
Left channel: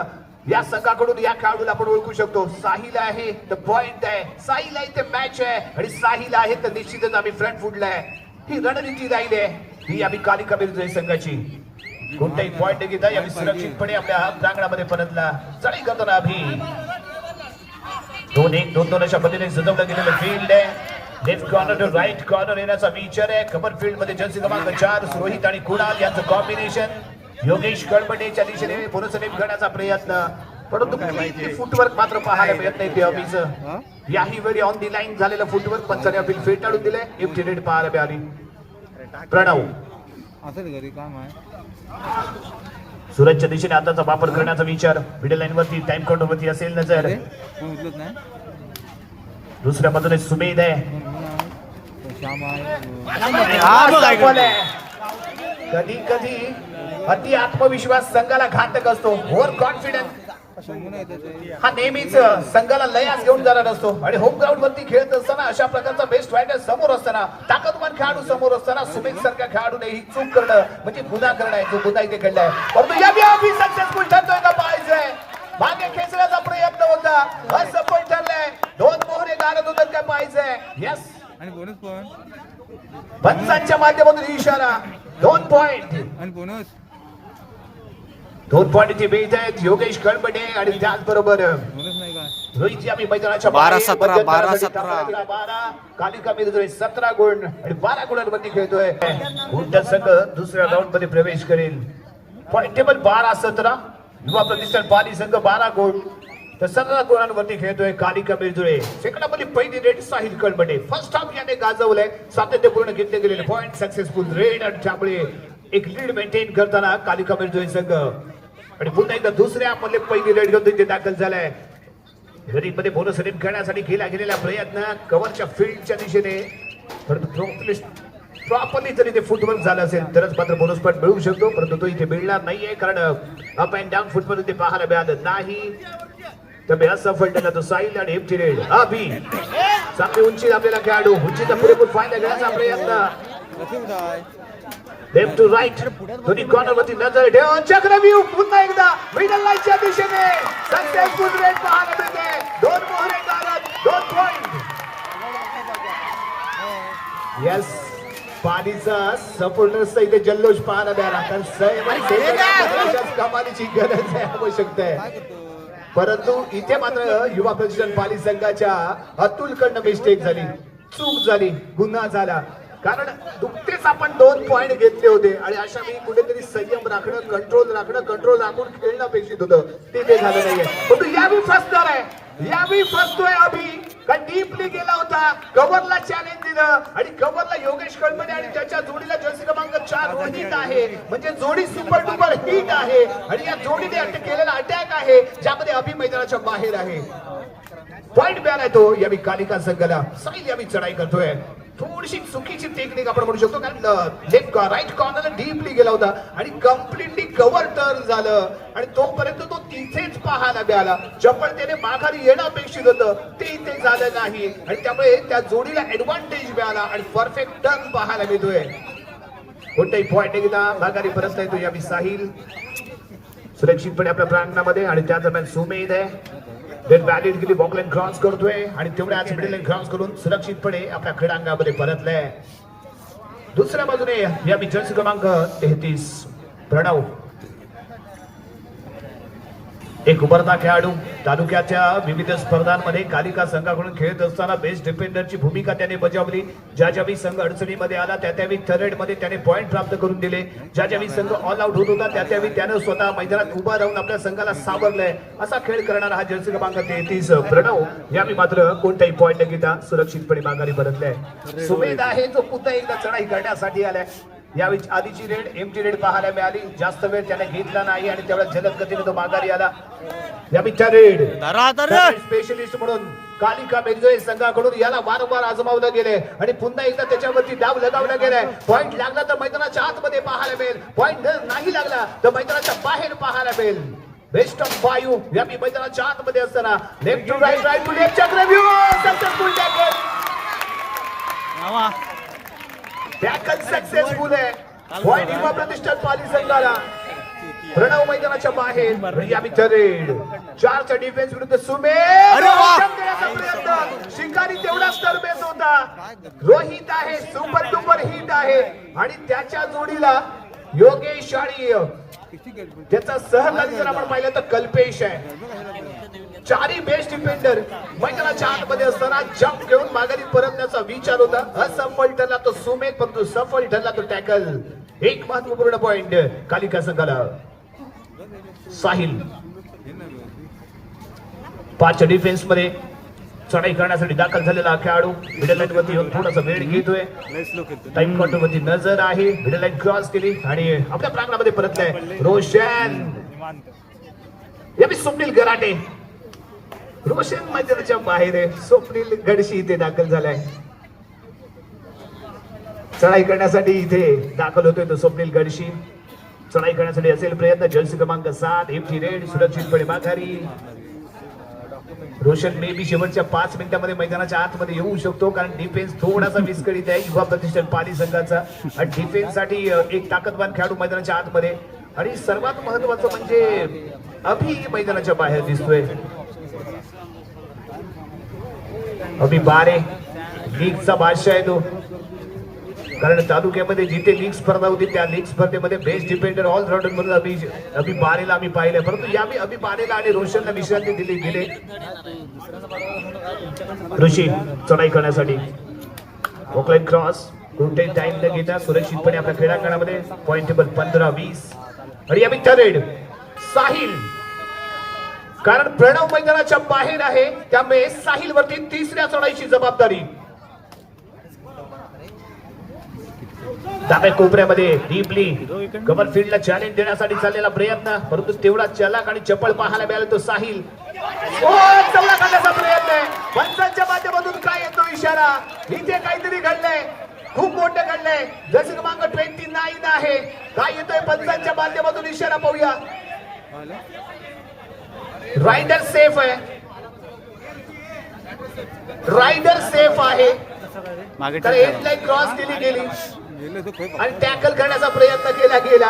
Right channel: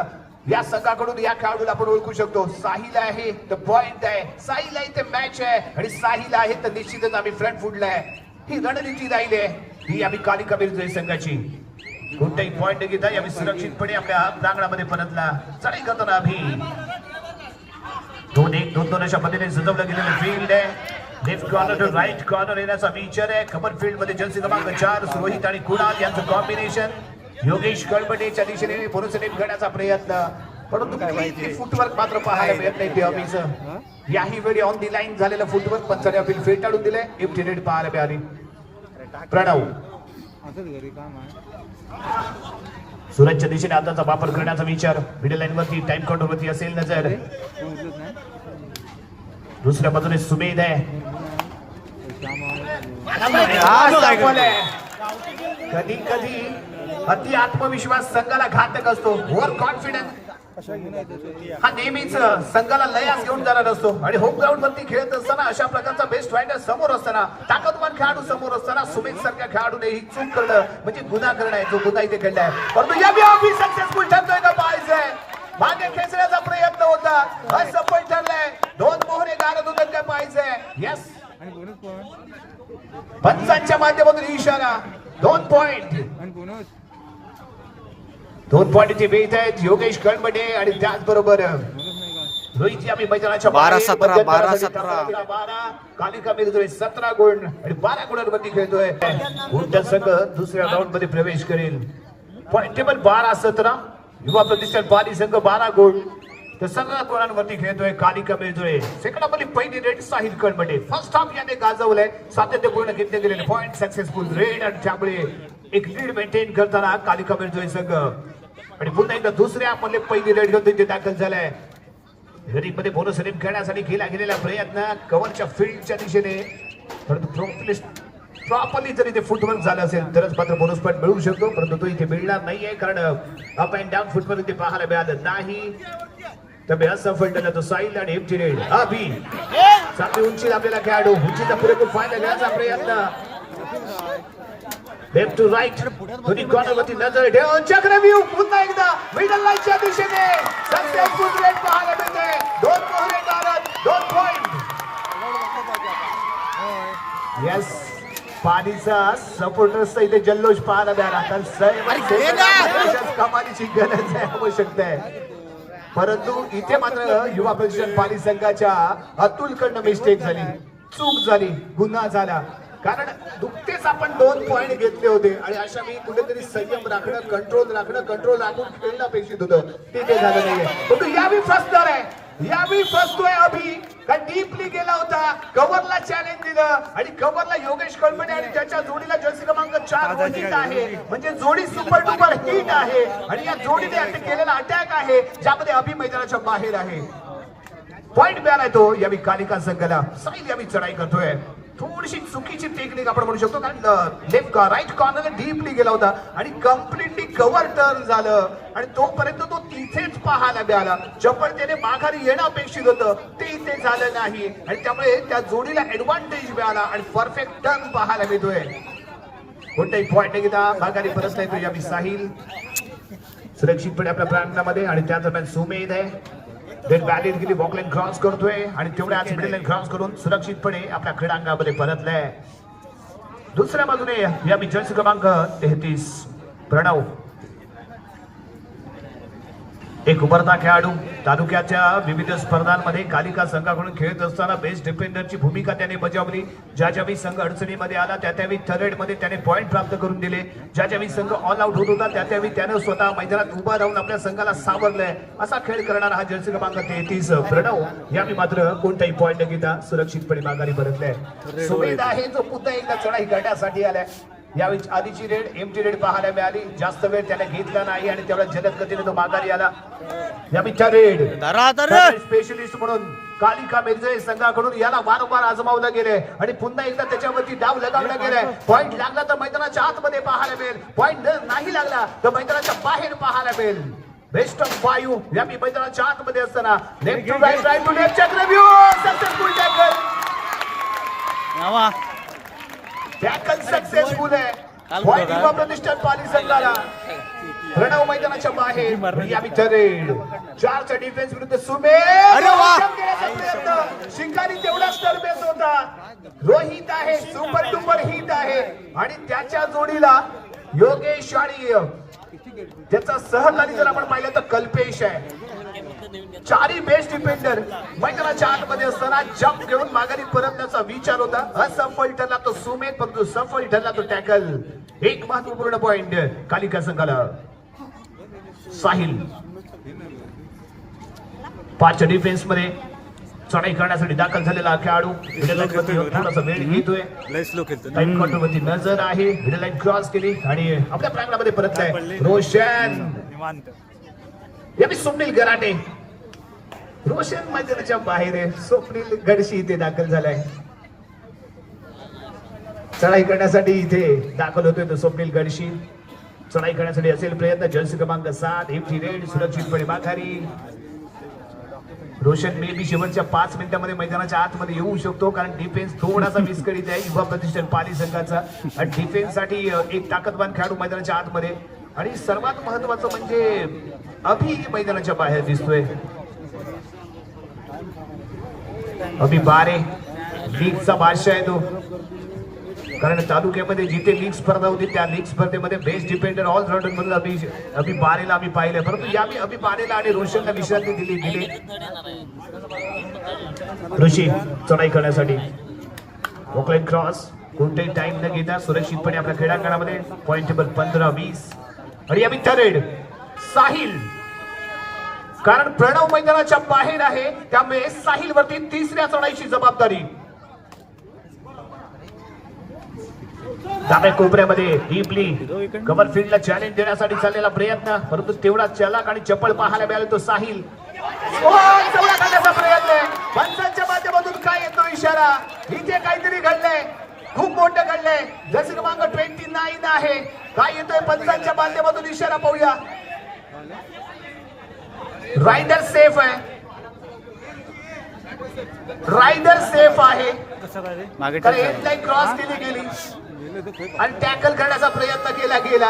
या संघाकडून या खेळाडूला आपण ओळखू शकतो. साहिल आहे तर पॉइंट आहे, साहिल आहे तर मॅच आहे आणि साहिल आहे तर निश्चितच आम्ही फ्रंट फुटला आहे. ही रणनीती राहिली आहे ही आम्ही कालिका बिरजुळी संघाची. कोणताही पॉइंट न घेता आम्ही सुरक्षितपणे आपल्या प्रांगणामध्ये परतला. चढाई करताना आम्ही 2-1 2-2 अशा पद्धतीने सजवलं गेलेलं फील्ड आहे. Left corner to right corner येण्याचा विचार आहे. कव्हर फील्ड मध्ये जर्सी क्रमांक 4 रोहित आणि कुणाल यांचं कॉम्बिनेशन. योगेश कळपटेच्या दिशेने पुनर्सनित करण्याचा प्रयत्न परंतु फुटवर्क मात्र पाहायला मिळत नाही देवाबीचं. याही वेळी ऑन दी लाईन झालेलं फुटवर्क पंचाने अपील फेटाळून दिले. एम्प्टी नेट पाहायला मिळाली. प्रणव सूरजच्या दिशेने हाताचा वापर करण्याचा विचार. मिडल लाईन वरती टाइम काउंटर वरती असेल नजर. दुसऱ्या बाजूने सुमेध आहे. कधी कधी अति आत्मविश्वास संघाला घातक असतो. ओव्हर कॉन्फिडन्स हा नेहमीच संघाला लयास घेऊन जाणार असतो आणि होम ग्राउंड वरती खेळत असताना अशा प्रकारचा बेस्ट रायडर समोर असताना ताकदवान खेळाडू समोर असताना सुमेध सारख्या खेळाडूने ही चूक करणं म्हणजे गुन्हा करणं आहे जो गुन्हा इथे घडलाय. परंतु यावेळी सक्सेसफुल ठरतोय का पाहायचंय. मागे खेचण्याचा प्रयत्न होता असफल ठरलाय. 2 मोहरे गारत होतात काय पाहायचंय. यस पंचांच्या माध्यमातून इशारा. 2 पॉइंट 2 पॉइंट इथे मिळत आहेत योगेश कळपटे आणि त्याचबरोबर रोहित यावी मैदानाच्या 12-17 12-17 कालिका बिरजुळी 17 गुण आणि 12 गुणांवरती खेळतोय. कोणता संघ दुसऱ्या राऊंड मध्ये प्रवेश करेल. पॉइंट टेबल 12-17 युवा प्रतिष्ठान पाली संघ 12 गुण तर 17 गुणांवरती खेळतोय कालिका बिरजुळे. सेकंडामध्ये पहिली रेड साहिल कळपटे. फर्स्ट हाफ याने गाजवलंय. सातत्यपूर्ण घेतले गेलेले पॉइंट सक्सेसफुल रेड आणि त्यामुळे एक लीड मेंटेन करताना कालिका बिरजुळे संघ आणि पुन्हा एकदा दुसऱ्या मध्ये पहिली रेड घेऊन तिथे दाखल झालाय. गरीबमध्ये बोनस रेड करण्यासाठी केला गेलेला प्रयत्न कव्हरच्या फील्डच्या दिशेने परंतु प्रॉपरली जर इथे फुटवर्क झालं असेल तरच मात्र बोनस पॉइंट मिळू शकतो परंतु तो इथे मिळणार नाहीये कारण अप अँड डाऊन फुटवर्क इथे पाहायला मिळालं नाही. त्यामुळे असफल ठरला तो साहिल आणि एम्प्टी रेड. अभि चांगली उंची आपल्याला खेळाडू उंचीचा पुरेपूर फायदा घेण्याचा प्रयत्न. लेफ्ट टू राईट दोन्ही कॉर्नर वरती नजर ठेवून चक्रव्यूह पुन्हा एकदा मिडल लाईनच्या दिशेने सक्सेसफुल रेड पाहायला मिळते. 2 मोहरे गारत 2 पॉइंट. यस पाणीचा सपोर्टर्सचा इथे जल्लोष पाहायला मिळाला. कमालीची गरज आहे आवश्यकता आहे परंतु इथे मात्र युवा प्रतिष्ठान पाली संघाच्या अतुलकडनं मिस्टेक झाली, चूक झाली, गुन्हा झाला कारण नुकतेच आपण 2 पॉइंट घेतले होते आणि अशा वेळी कुठेतरी संयम राखणं, कंट्रोल राखून खेळणं अपेक्षित होतं. ते झालं नाहीये परंतु यावेळी फसणार आहे. यावेळी फसतोय अभि का डीपली गेला होता कव्हरला चॅलेंज दिलं आणि कव्हरला योगेश कळमटे आणि त्याच्या जोडीला जर्सी क्रमांक 4 रोहित आहे. म्हणजे जोडी सुपर डुपर हिट आहे आणि या जोडीने केलेला अटॅक आहे ज्यामध्ये अभि मैदानाच्या बाहेर आहे. पॉइंट मिळाला तो यावी कालिका संघाला. साहिल यावी चढाई करतोय. थोडीशी चुकीची टेक्निक आपण म्हणू शकतो कारण लेफ्ट राईट कॉर्नरला डीपली गेला होता आणि कम्प्लिटली कव्हर टर्न झालं आणि तोपर्यंत तो तिथेच पाहायला मिळाला. चपळतेने माघारी येणं अपेक्षित होतं ते इथे झालं नाही आणि त्यामुळे त्या जोडीला ऍडव्हान्टेज मिळाला आणि परफेक्ट टर्न पाहायला मिळतोय. कोणताही पॉइंट घेता माघारी परत येतो यावी साहिल सुरक्षितपणे आपल्या प्रांगणामध्ये आणि त्या दरम्यान सुमेध आहे. बॅलेट गेली बॉकलाईन क्रॉस करतोय आणि तेवढ्याच मिडल लाईन क्रॉस करून सुरक्षितपणे आपल्या क्रीडांगणामध्ये परतलाय. दुसऱ्या बाजूने या जर्सी क्रमांक 33 प्रणव एक उभरता खेळाडू. तालुक्याच्या विविध स्पर्धांमध्ये कालिका संघाकडून खेळत असताना बेस्ट डिफेंडरची भूमिका त्याने बजावली. ज्या ज्यावेळी संघ अडचणीमध्ये आला त्या त्यावेळी थर्ड मध्ये त्याने पॉइंट प्राप्त करून दिले. ज्या ज्यावेळी संघ ऑल आउट होत होता त्या त्यावेळी त्याने स्वतः मैदानात उभा राहून आपल्या संघाला सावरलंय. असा खेळ करणारा हा जर्सी क्रमांक 33 प्रणव यावेळी मात्र कोणताही पॉइंट न घेता सुरक्षितपणे माघारी परतलाय. सुमेध आहे जो पुन्हा एकदा चढाई करण्यासाठी आलाय. यावेळी आधीची रेड एमटी रेड पाहायला मिळाली. जास्त वेळ त्याने घेतला नाही आणि तेवढ्या जलद गतीने तो माघारी आला. यावेळीच्या रेड स्पेशलिस्ट म्हणून कालिका मेघजळे संघाकडून याला वारंवार आजमावलं गेले आणि पुन्हा एकदा त्याच्यावरती डाव लगावला गेलाय. पॉइंट लागला तर मैदानाच्या आतमध्ये पाहायला मिळेल. पॉइंट नाही लागला तर मैदानाच्या बाहेर पाहायला मिळेल. बेस्ट ऑफ 5 यावेळी मैदानाच्या आतमध्ये असताना left to right right to left चक्रव्यूह सक्सेसफुल टॅकल सक्सेसफुल आहे. पॉइंट युवा प्रतिष्ठान पाली संघाला. प्रणव मैदानाच्या बाहेर यावी रेड 4चा डिफेन्स विरुद्ध सुमेध. शिकारी तेवढाच तरबेज होता. रोहित आहे सुपर डुपर हिट आहे आणि त्याच्या जोडीला योगेश आणि त्याचा सहकारी जर आपण पाहिलं तर कल्पेश आहे. चारही बेस्ट डिफेंडर मैदानाच्या आतमध्ये असताना जंप घेऊन माघारी परतण्याचा विचार होता. असफल ठरला तो सुमेध परंतु सफल ठरला तो टॅकल. एक महत्वपूर्ण पॉइंट कालिका संघाला. साहिल 5च्या डिफेन्स मध्ये चढाई करण्यासाठी दाखल झालेला खेळाडू मिडल लाईन थोडासा वेळ घेतोय. टाइम काउंटर वरती नजर आहे. मिडल लाईन क्रॉस केली आणि आपल्या प्रांगणामध्ये परतलाय रोशन. यावेळी स्वप्नील गराटे. रोशन मैदानाच्या बाहेर आहे. स्वप्नील गडशी इथे दाखल झालाय. चढाई करण्यासाठी इथे दाखल होतोय तो स्वप्नील गडशी. चढाई करण्यासाठी असेल प्रयत्न. जर्सी क्रमांक 7 एमटी रेड सुरक्षितपणे माघारी. रोशन मे बी शेवटच्या 5 मिनिटांमध्ये मैदानाच्या आतमध्ये येऊ शकतो कारण डिफेन्स थोडासा विस्कळीत आहे युवा प्रतिष्ठान पाली संघाचा. डिफेन्स साठी एक ताकदवान खेळाडू मैदानाच्या आतमध्ये आणि सर्वात महत्वाचं म्हणजे अभि मैदानाच्या बाहेर दिसतोय. अभि बारे लीगचा बादशाह आहे तो कारण तालुक्यामध्ये जिथे लीग स्पर्धा होती त्या लीग स्पर्धेमध्ये बेस्ट डिफेंडर ऑलराऊंडर म्हणून अभि बारेला आम्ही पाहिलंय. परंतु यावेळी अभि बारेला आणि रोशनला विश्रांती दिली गेली. ऋषी चढाई करण्यासाठी वॉकलाईन क्रॉस कोणताही टाइम न घेता सुरक्षितपणे आपल्या क्रीडांगणामध्ये. पॉइंट टेबल 15-20 आणि यावेळी थर्ड साहिल कारण प्रणव मैदानाच्या बाहेर आहे त्यामुळे साहिल वरती तिसऱ्या चढाईची जबाबदारी. डाव्या कोपऱ्यामध्ये डीपली कव्हर फील्डला चॅलेंज देण्यासाठी चाललेला प्रयत्न परंतु तेवढा चलाक आणि चपळ पाहायला मिळाला तो साहिल. चवडा करण्याचा प्रयत्न आहे. पंचांच्या माध्यमातून काय येतो इशारा. इथे काहीतरी घडलंय. खूप मोठं घडलंय. जर्सी क्रमांक 29 आहे. काय येतोय पंचांच्या माध्यमातून इशारा पाहूया. रायडर सेफ आहे. रायडर सेफ आहे. हेडलाईन क्रॉस केली गेली आणि टॅकल करण्याचा प्रयत्न केला गेला.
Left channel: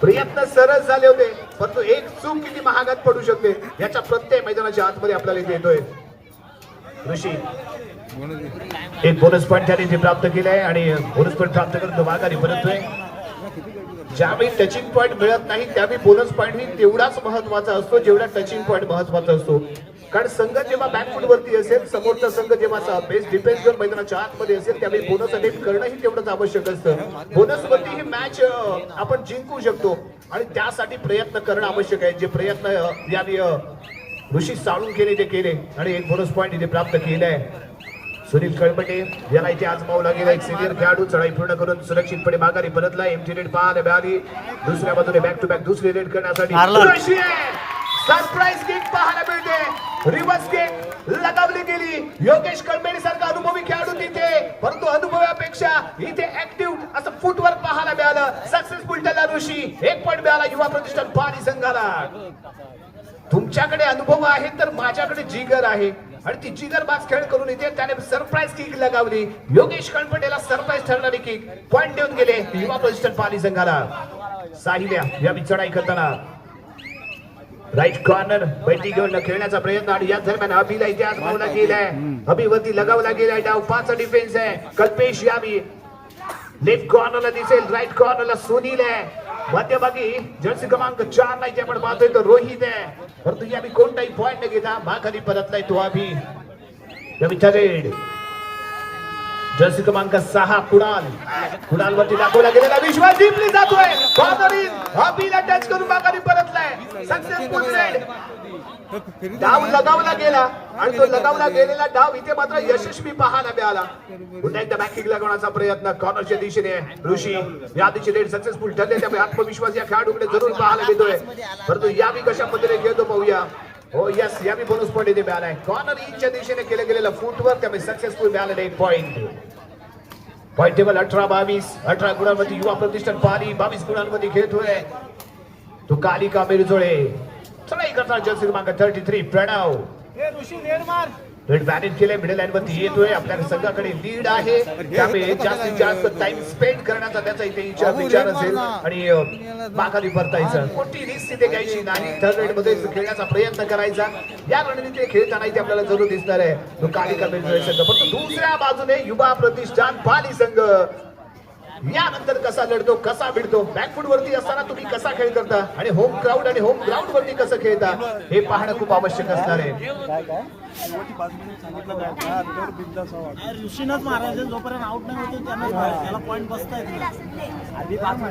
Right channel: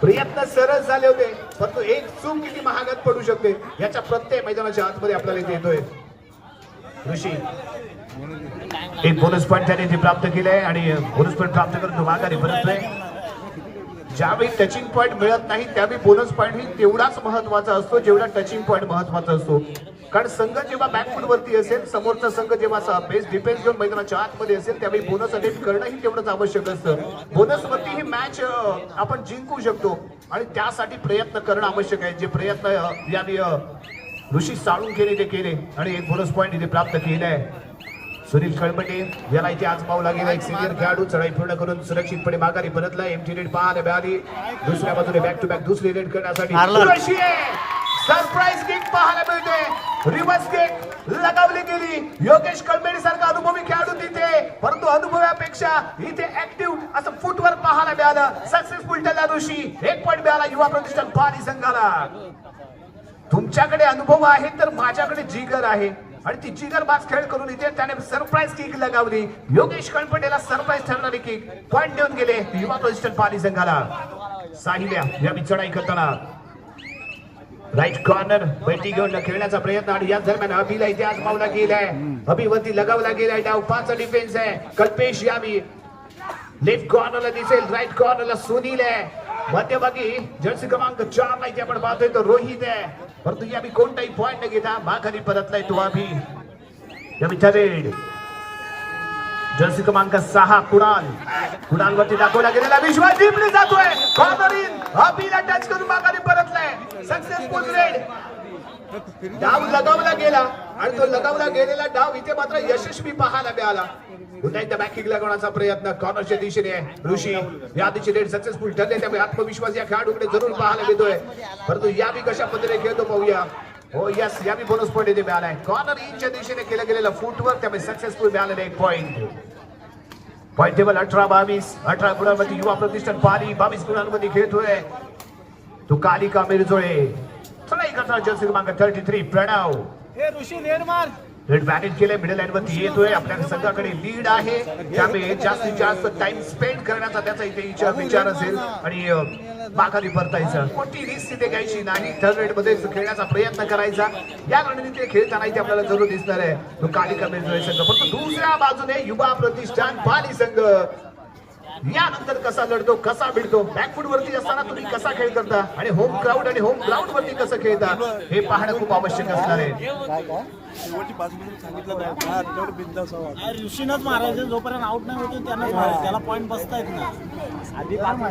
प्रयत्न सरळ झाले होते परंतु एक चूक किती महागात पडू शकते याचा प्रत्यय मैदानाच्या आतमध्ये आपल्याला इथे येतोय. ऋषी एक बोनस पॉइंट त्याने प्राप्त केलाय आणि बोनस पॉइंट प्राप्त करून तो माघारी परततोय. ज्यावेळी टचिंग पॉइंट मिळत नाही त्यावेळी बोनस पॉइंट ही तेवढाच महत्वाचा असतो जेवढा टचिंग पॉइंट महत्वाचा असतो. कारण संघ जेव्हा बॅकफूट वरती असेल समोरचा संघ जेव्हा बेस्ट डिफेन्स घेऊन मैदानाच्या आतमध्ये असेल त्यावेळी बोनस अटेम्प्ट करणंही तेवढंच आवश्यक असतं. बोनस वरती ही मॅच आपण जिंकू शकतो आणि त्यासाठी प्रयत्न करणं आवश्यक आहे. जे प्रयत्न या ऋषी साळून केले ते केले आणि एक बोनस पॉइंट इथे प्राप्त केलाय. सुनील कळमटे याला इथे आज पावला गेला. एक सिनियर खेळाडू चढाई पूर्ण करून सुरक्षितपणे माघारी परतला. एमजी रेड पाहायला मिळाली. दुसऱ्या बाजूने बॅक टू बॅक दुसरी रेड करण्यासाठी सरप्राईज किक पाहायला मिळते. रिव्हर्स किक लगावली गेली. योगेश कळमेडे सारखा अनुभवी खेळाडू तिथे, परंतु अनुभवापेक्षा इथे ऍक्टिव्ह असं फुटवर्क पाहायला मिळालं. सक्सेसफुल ठरला ऋषी. 1 पॉईंट मिळाला युवा प्रतिष्ठान पाली संघाला. तुमच्याकडे अनुभव आहे तर माझ्याकडे जिगर आहे आणि ती जिगर बाज खेळ करून इथे त्याने सरप्राईज किक लगावली. योगेश कळमटेला सरप्राईज ठरणारी किक पॉईंट देऊन गेले युवा प्रतिष्ठान पाली संघाला. साहिल्या या चढाई करताना राईट कॉर्नर बैठी घेऊन खेळण्याचा प्रयत्न आणि या दरम्यान अभिला इथे आजमावला गेलाय. अभिवरती लगावला गेलाय. डाव 5 डिफेन्स आहे. कल्पेश यावी लेफ्ट कॉर्नरला दिसेल. राईट कॉर्नरला सुनील आहे. मध्यभागी जर्सी क्रमांक 4 नाही आपण पाहतोय तो रोहित आहे. परंतु यावी कोणताही पॉईंट न घेता माघारी परतलाय तो अभि. यावी थर्ड जर्सी क्रमांक 6 कुणाल वरती दाखवला गेलेला विश्वास डीपली जातोय. कॉर्नर इन अभिला टच करून माघारी परतलाय. Successful red. डाव लगावला गेला आणि तो लगावला गेलेला डाव इथे मात्र यशस्वी पाहायला मिळाला. पुन्हा एकदा बॅकिंग लागवण्याचा प्रयत्न कॉर्नरच्या दिशेने ऋषी. या दिशेने रेड सक्सेसफुल ठरले. त्यामुळे आत्मविश्वास या खेळाडूकडे जरूर पाहायला मिळतोय. परंतु यावी कशा पद्धतीने खेळतो पाहूया. हो यस यावी बोनस पॉईंट इथे मिळालाय. कॉर्नर इनच्या दिशेने केलं गेलेलं फुटवर्क त्यामुळे सक्सेसफुल मिळालेलं 1 पॉईंट. Point table 18-22. 18 गुणांमध्ये युवा प्रतिष्ठान पाली 22 गुणांमध्ये खेळतोय तो कालिका मिरजोळे. चढाई करताना जर्सी क्रमांक 33 प्रणव रेड मॅनेज केले. मिडल लाईन वरती येतोय. आपल्या संघाकडे लीड आहे त्यामुळे जास्तीत जास्त टाइम स्पेंड करण्याचा त्याचा इथे विचार असेल आणि माघारी परतायचं. कोणती रिस्क तिथे घ्यायची नाही. थर्ड रेड मध्ये खेळण्याचा प्रयत्न करायचा. या रणनीतीने खेळताना इथे आपल्याला जरूर दिसणार आहे तो कालिका मिरजोळे संघ. परंतु दुसऱ्या बाजूने युवा प्रतिष्ठान पाली संघ यानंतर कसा लढतो कसा भिडतो. बॅकफूट वरती असताना तुम्ही कसा खेळ करता आणि होम क्राऊड आणि होम ग्राउंड वरती कसं खेळता हे पाहणं खूप आवश्यक असणार आहे.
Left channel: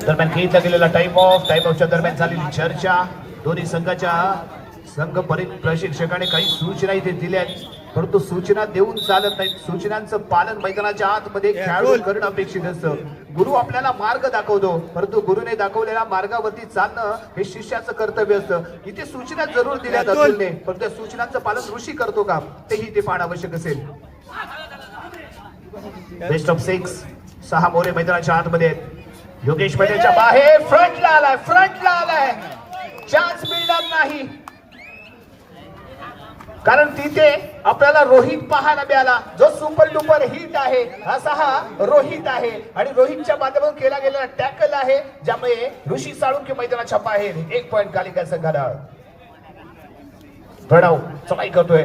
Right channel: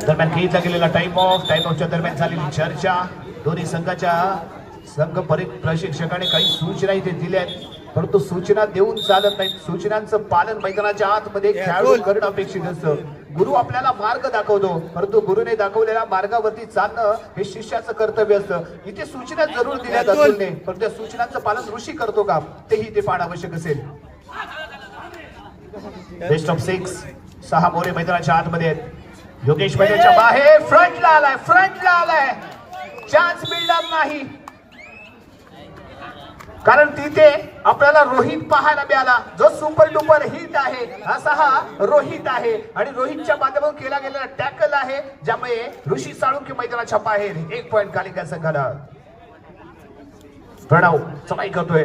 दरम्यान खेळला गेलेला टाइम ऑफच्या दरम्यान झालेली चर्चा. दोन्ही संघ प्रशिक्षकाने काही सूचना इथे दिल्या परंतु सूचना देऊन चालत नाही. सूचनांचं पालन मैदानाच्या आतमध्ये खेळाडू करणं अपेक्षित असतं. गुरु आपल्याला मार्ग दाखवतो परंतु गुरुने दाखवलेल्या मार्गावरती चालणं हे शिष्याचं कर्तव्य असतं. इथे सूचना जरूर दिल्या जातील पण त्या सूचनांचं पालन ऋषी करतो का तेही इथे पाहणं आवश्यक असेल. बेस्ट ऑफ 6 मोरे मैदानाच्या आतमध्ये. योगेश मैदानाच्या बाहेर फ्रंटला आलाय. चान्स मिळणार नाही कारण तिथे आपल्याला रोहित पाहायला मिळाला जो सुपर डुपर हिट आहे. असा हा रोहित आहे आणि रोहितच्या माध्यमातून केला गेलेला टॅकल आहे ज्यामुळे ऋषी साळुंके मैदानाच्या बाहेर. 1 पॉईंट कालिका संघाला. प्रणव चढाई करतोय.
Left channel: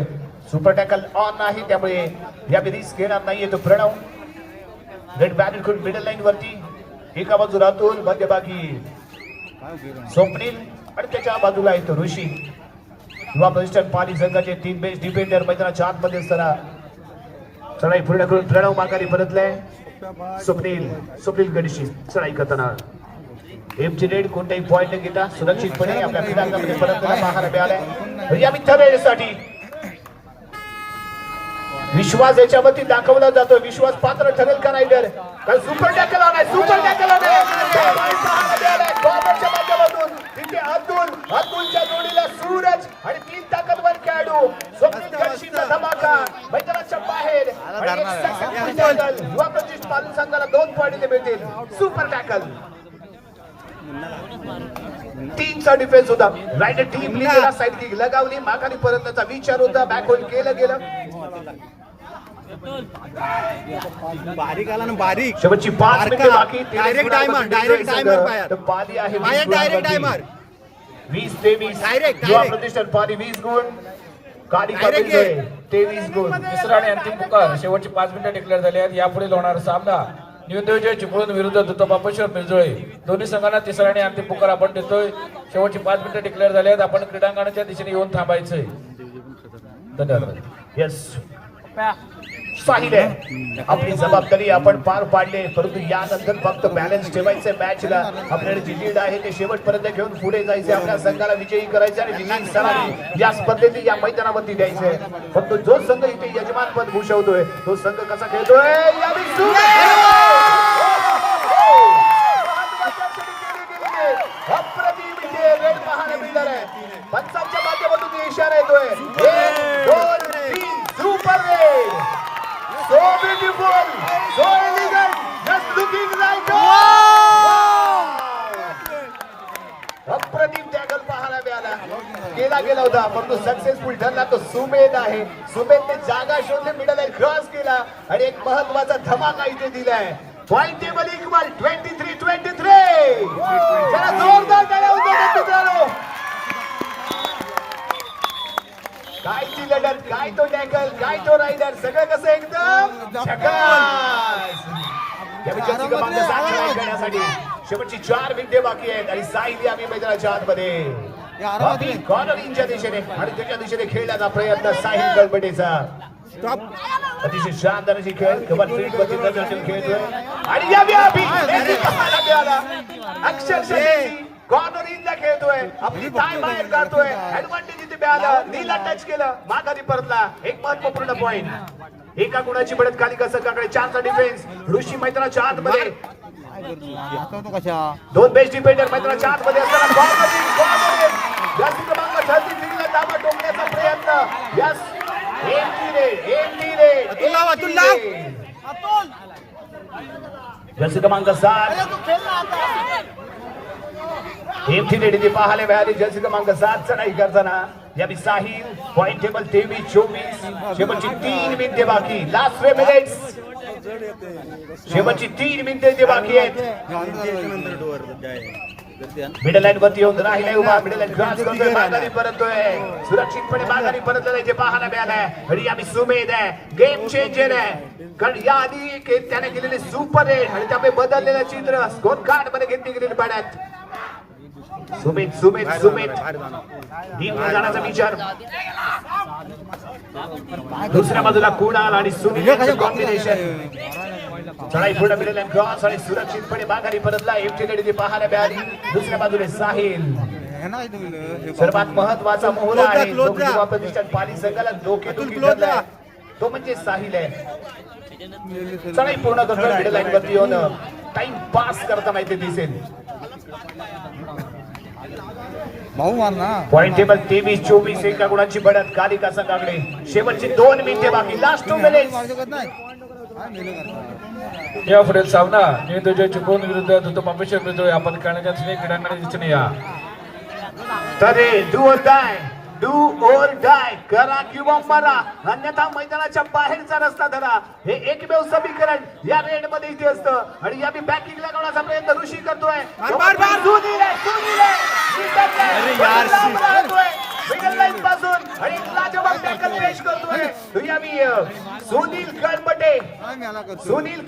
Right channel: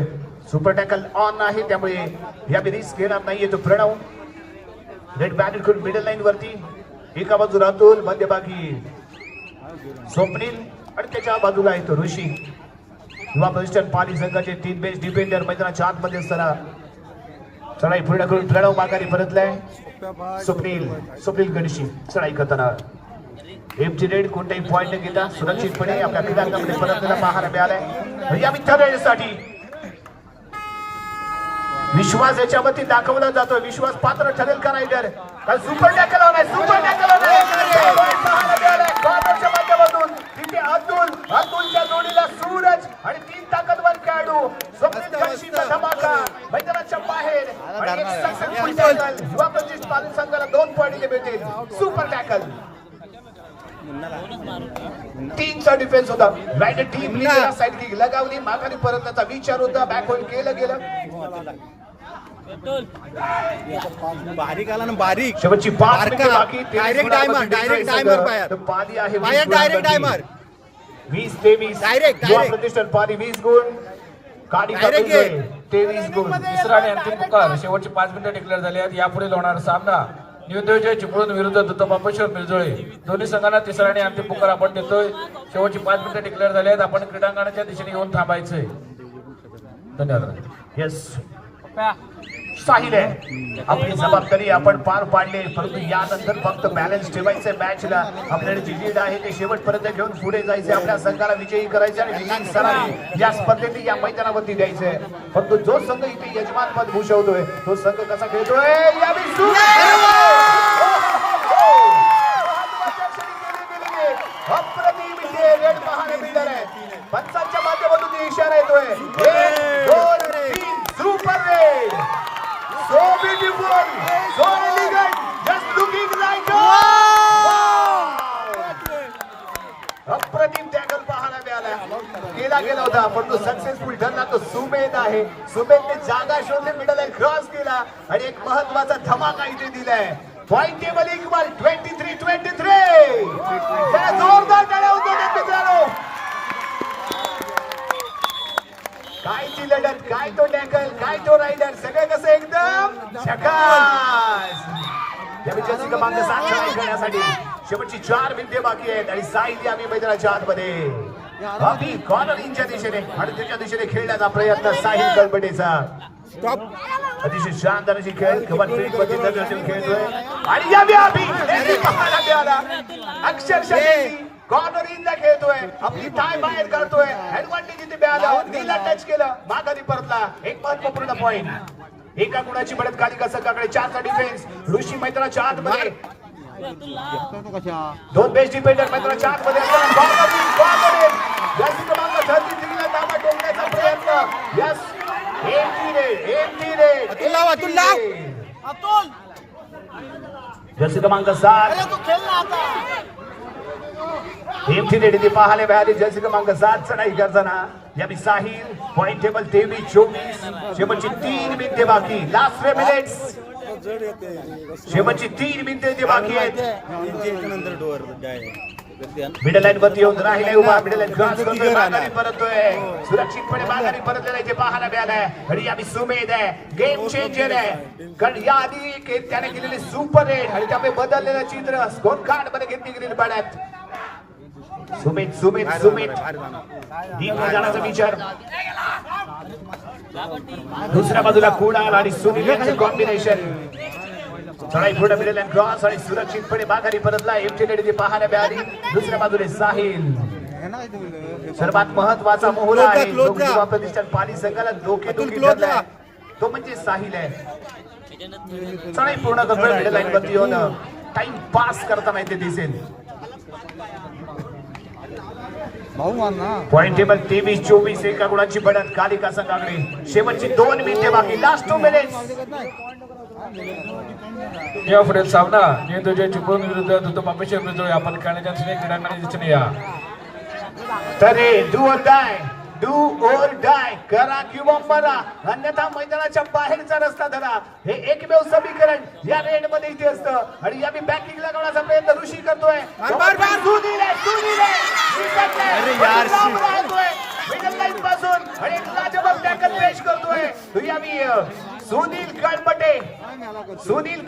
सुपर टॅकल ऑन आहे त्यामुळे या रिस्क घेणार नाहीये तो प्रणव. रेड बॅट करून मिडल लाईन वरती. एका बाजूला अतुल मध्यभागी स्वप्नील आणि त्याच्या बाजूला आहे तो ऋषी. युवा प्रतिष्ठान पाली संघाचे 3 बेस्ट डिफेंडर मैदानाच्या आतमध्ये असताना चढाई पूर्ण करून प्रणव माघारी परतलाय. स्वप्नील गणेशी चढाई करताना एमची रेड कोणताही पॉईंट न घेता सुरक्षितपणे आपल्या क्रीडांगणामध्ये परतलेला पाहायला मिळालाय. या मित्र रेडसाठी विश्वास याच्यावरती दाखवला जातो. विश्वास पात्र ठरेल का रायडर. सुपर टॅकल होणार. कॉर्नरच्या माध्यमातून तिथे अतुलच्या जोडीला सूरज आणि 3 ताकदवार खेळाडू. स्वप्नील गणेशीचा धमाका मैदानाच्या बाहेर. युवा प्रतिष्ठान पाली संघाला 2 पॉईंट मिळतील. सुपर टॅकल 3चा डिफेन्स होता. राईट टीम साइड किक लगावली. माघारी परतण्याचा विचार होता. बॅक होल्ड केलं गेलं. बारीक आला ना बारीक. शेवटची 5 मिनिटे बाकी. डायरेक्ट टायमर पाली आहे डायरेक्ट टायमर 20-23. युवा प्रतिष्ठान पाली 20 गुण. कालिका 23 गुण. तिसरा आणि अंतिम पुकार. शेवटची 5 मिनिटं डिक्लेअर झाली आहेत. यापुढे होणारा सामना न्यूदेवचे चिपळूण विरुद्ध दत्तबापेश्वर मिरजोळे. दोन्ही संघांना तिसरा आणि अंतिम पुकार आपण देतोय. शेवटची 5 मिनिटं डिक्लेअर झाली आहेत. आपण क्रीडांगणाच्या दिशेने येऊन थांबायचंय. धन्यवाद. येस साहिल आहे आपली जबाबदारी आपण पार पाडली, परंतु यानंतर फक्त बॅलन्स ठेवायचंय मॅचला. आपल्याला जी लीड आहे ते शेवटपर्यंत घेऊन पुढे जायचंय, आपल्या संघाला विजयी करायचे आणि विजयी सलामी या स्पर्धेत या मैदानावरती द्यायचंय. परंतु जो संघ इथे यजमानपद भूषवतोय तो संघ कसा खेळतोय अप्रतिम इथे रन पाहायला मिळणार आहे. पंचांच्या माध्यमातून इशारा येतोय super red. So beautiful, so elegant, just looking like अप्रतिम टॅकल पाहायला मिळाला. केला गेला होता पण तो सक्सेसफुल ठरला. तो सुमेध आहे. सुमेधने जागा शोधली, मिडल लाईन क्रॉस केला आणि एक महत्वाचा धमाका इथे दिलाय. Point table equal 23-23. जरा जोरदार टाळ्या होत्या मित्रांनो. काय ती लढत, काय तो टॅकल, काय तो रायडर, सगळं कसं एकदम झकास. या विजयाची क्रमांक 7 ट्राय करण्यासाठी शेवटची 4 मिनिटे बाकी आहेत आणि साहिल आम्ही मैदानाच्या आतमध्ये. अभि कॉर्नर इंच्या दिशेने आणि त्याच्या दिशेने खेळण्याचा प्रयत्न साहिल गडबडेचा. अतिशय शानदार अशी खेळ कव्हर फील्ड मध्ये दर्शन खेळतोय आणि यावी अभि अक्षरशः कॉर्नर इनला खेळतोय, आपली थाय बाहेर काढतोय. ऍडव्हान्टेज इथे मिळाला, नीला टच केलं, माघारी परतला. एक महत्वपूर्ण पॉइंट. एका गुणाची बढत खाली कसं काकडे 4चा डिफेन्स. ऋषी मैदानाच्या आतमध्ये 2 बेस्ट डिफेंडर मैदानाच्या आतमध्ये असताना कॉर्नर जास्ती क्रमांक 33 ताबा टोकण्याचा प्रयत्न. यस जर्सी क्रमांक 7 एमटी पाहायला मिळाली. जर्सी क्रमांक 7 चढाई करताना यावी साहिल. Point table 23-24. शेवटची 3 मिनिटे बाकी. Last 3 minutes. शेवटची 3 मिनिटे इथे बाकी आहेत. मिडल लाईन वरती येऊन राहिलाय उभा. मिडल लाईन क्रॉस करतोय, माघारी परततोय. सुरक्षितपणे माघारी परतलेला इथे पाहायला मिळालाय. आणि यावी सुमेध आहे, गेम चेंजर आहे. कारण या आधी त्याने केलेले सुपर रेड आणि त्यामुळे बदललेलं चित्र स्कोर कार्ड मध्ये घेतली गेलेली पाड्यात. सुमेध सुमेध सुमेध जाण्याचा विचार. दुसऱ्या बाजूला कुणाल आणि सुनील यांचं कॉम्बिनेशन. चढाई पुढे मिळेल क्रॉस आणि सुरक्षितपणे माघारी परतला. एमटी पाहायला मिळाली. दुसऱ्या बाजूने साहिल. सर्वात महत्वाचा मोहरा आहे जो प्रतिष्ठान पाली संघाला डोकेदुखी ठरलाय तो म्हणजे साहिल आहे. चढाई पूर्ण करताना मिडल लाईन वरती येऊन टाइम पास करताना इथे दिसेल. Point table 23-24. एका गुणाची बढत कालिका संघाकडे. शेवटची 2 मिनिटे बाकी. Last 2 minutes. या पुढील सामना नियोजन चिपळूण विरुद्ध दुत पापेश्वर मिळतोय. आपण खेळण्याच्या क्रीडांना दिसून या. तरे डू और डाय करा किंवा मरा, अन्यथा मैदानाच्या बाहेरचा रस्ता धरा. हे एकमेव समीकरण या रेड मध्ये इथे असतं. आणि या मी बॅकिंग लगावण्याचा प्रयत्न ऋषी करतोय. अरे यार मिडल लाईन पासून आणि लाजवाब टॅकल पेश करतोय. यावी सुनील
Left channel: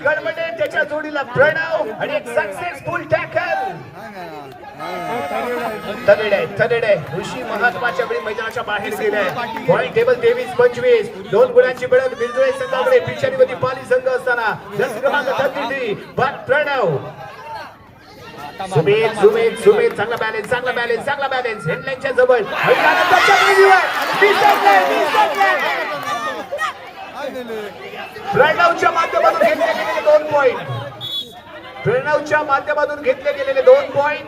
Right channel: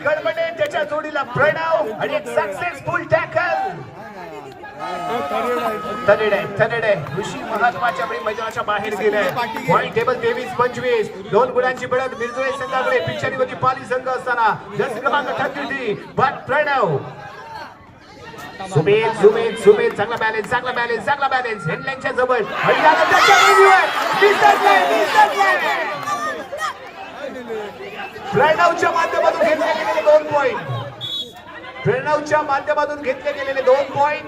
कडबटे त्याच्या जोडीला प्रणव आणि एक सक्सेसफुल टॅकल. थरेडे ऋषी महत्वाच्या वेळी मैदानाच्या बाहेर गेलाय. Point table 23-25. 2 गुणांची बढत मिरजुळे संघाकडे. पिछाडीवरती पाली संघ असताना जर्सी क्रमांक 33 प्रणव. सुमेध चांगला बॅलन्स हेडलाईनच्या जवळ. प्रणवच्या माध्यमातून घेतले गेलेले 2 पॉइंट. प्रणवच्या माध्यमातून घेतले गेलेले 2 पॉइंट.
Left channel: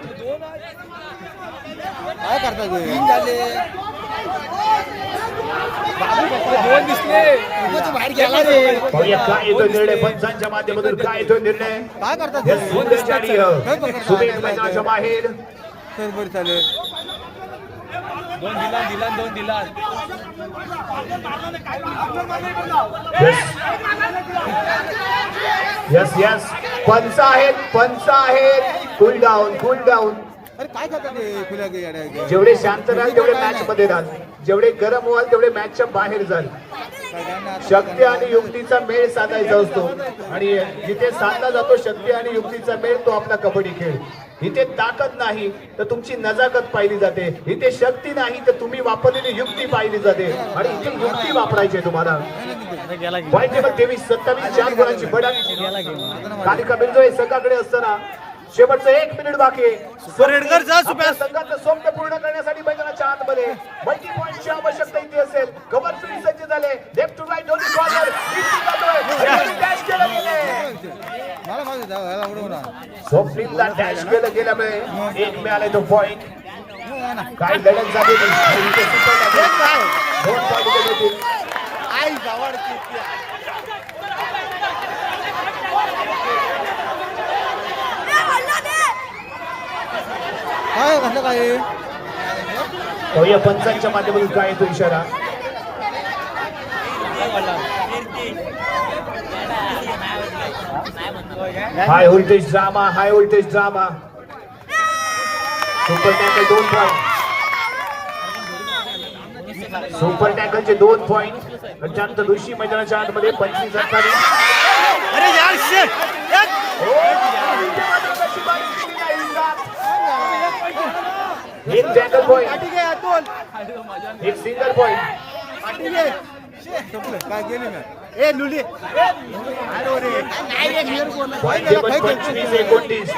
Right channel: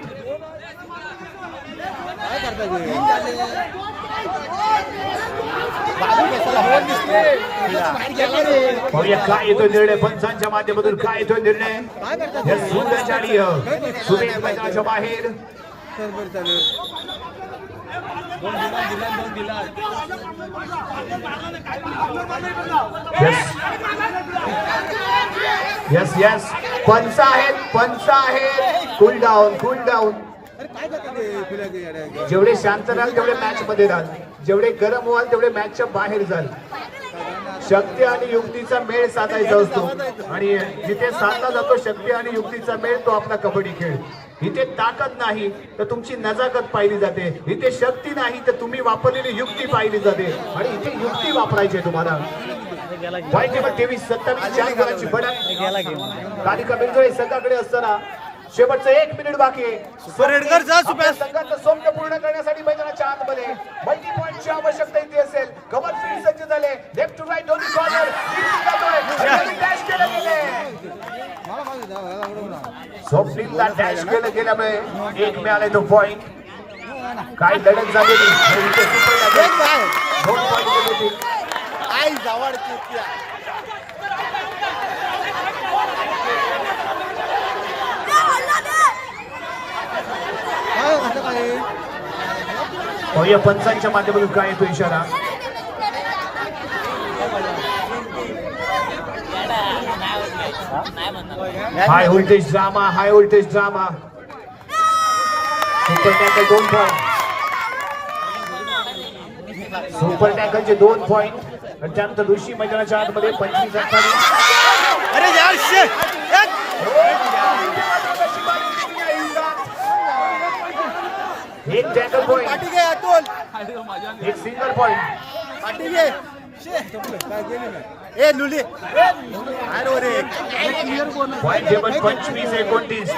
काय येतोय निर्णय पंचांच्या माध्यमातून, काय येतोय निर्णय. सुमेध मैदानाच्या बाहेर. यस पंच आहेत. Cool down. जेवढे शांत राहाल तेवढे मॅच मध्ये राहाल, जेवढे गरम व्हाल तेवढे मॅचच्या बाहेर जाल. शक्ती आणि युक्तीचा मेळ साधायचा असतो आणि जिथे साधला जातो शक्ती आणि युक्तीचा मेळ तो आपला कबड्डी खेळ. इथे ताकद नाही तर तुमची नजाकत पाहिली जाते. इथे शक्ती नाही तर तुम्ही वापरलेली युक्ती पाहिली जाते आणि इथे युक्ती वापरायची तुम्हाला. पॉईंट टेबल 23-27 4 गुणांची बढत कालिका बिरजोळे संघाकडे असताना शेवटचं 1 मिनिट बाकी आहे. सुपर हेडकर जा सुप्या संघाचं स्वप्न पूर्ण करण्यासाठी मैदानाच्या आतमध्ये मल्टी पॉईंटची आवश्यकता इथे असेल. कव्हर फील्ड सज्ज झाले. लेफ्ट टू राईट दोन्ही कॉर्नर डॅश केलं गेले. स्वप्नीलला डॅश केलं गेल्यामुळे 1 मिळाले तो पॉईंट. काय लढत झालेली दोन पॉईंट देतील. या पंचांच्या माध्यमातून काय येतो इशारा. High voltage drama super tackle 2 point. Super टॅकलचे 2 पॉईंट. त्याच्यानंतर ऋषी मैदानाच्या आतमध्ये 25-28. अरे यार एक टॅकल पॉईंट, एक single point. Point table 25-29,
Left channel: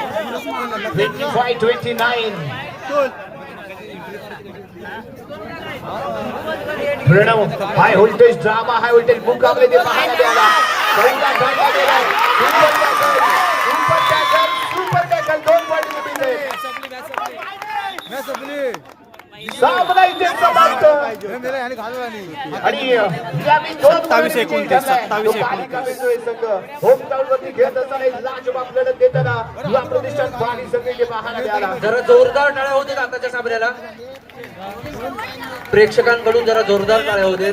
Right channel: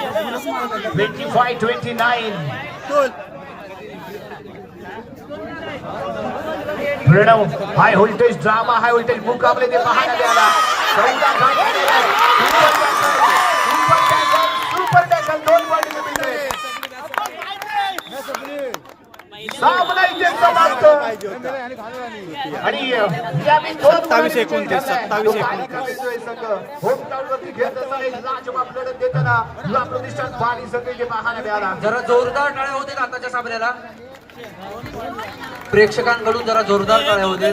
25-29. Pranav high voltage drama high voltage मुकाबले ते पाहायला मिळाला. 14 सुपर टॅकल 2 पॉईंट मिळते. सामना इथे समाप्त. आणि यावेळी 27-29. होम टाऊनवरती खेळत असताना एक लाजवाब लढत देताना युवा प्रतिष्ठान पाणी सगळे पाहायला मिळाला. जरा जोरदार टाळ्या होते आताच्या सामन्याला. प्रेक्षकांकडून जरा जोरदार टाळ्या होते.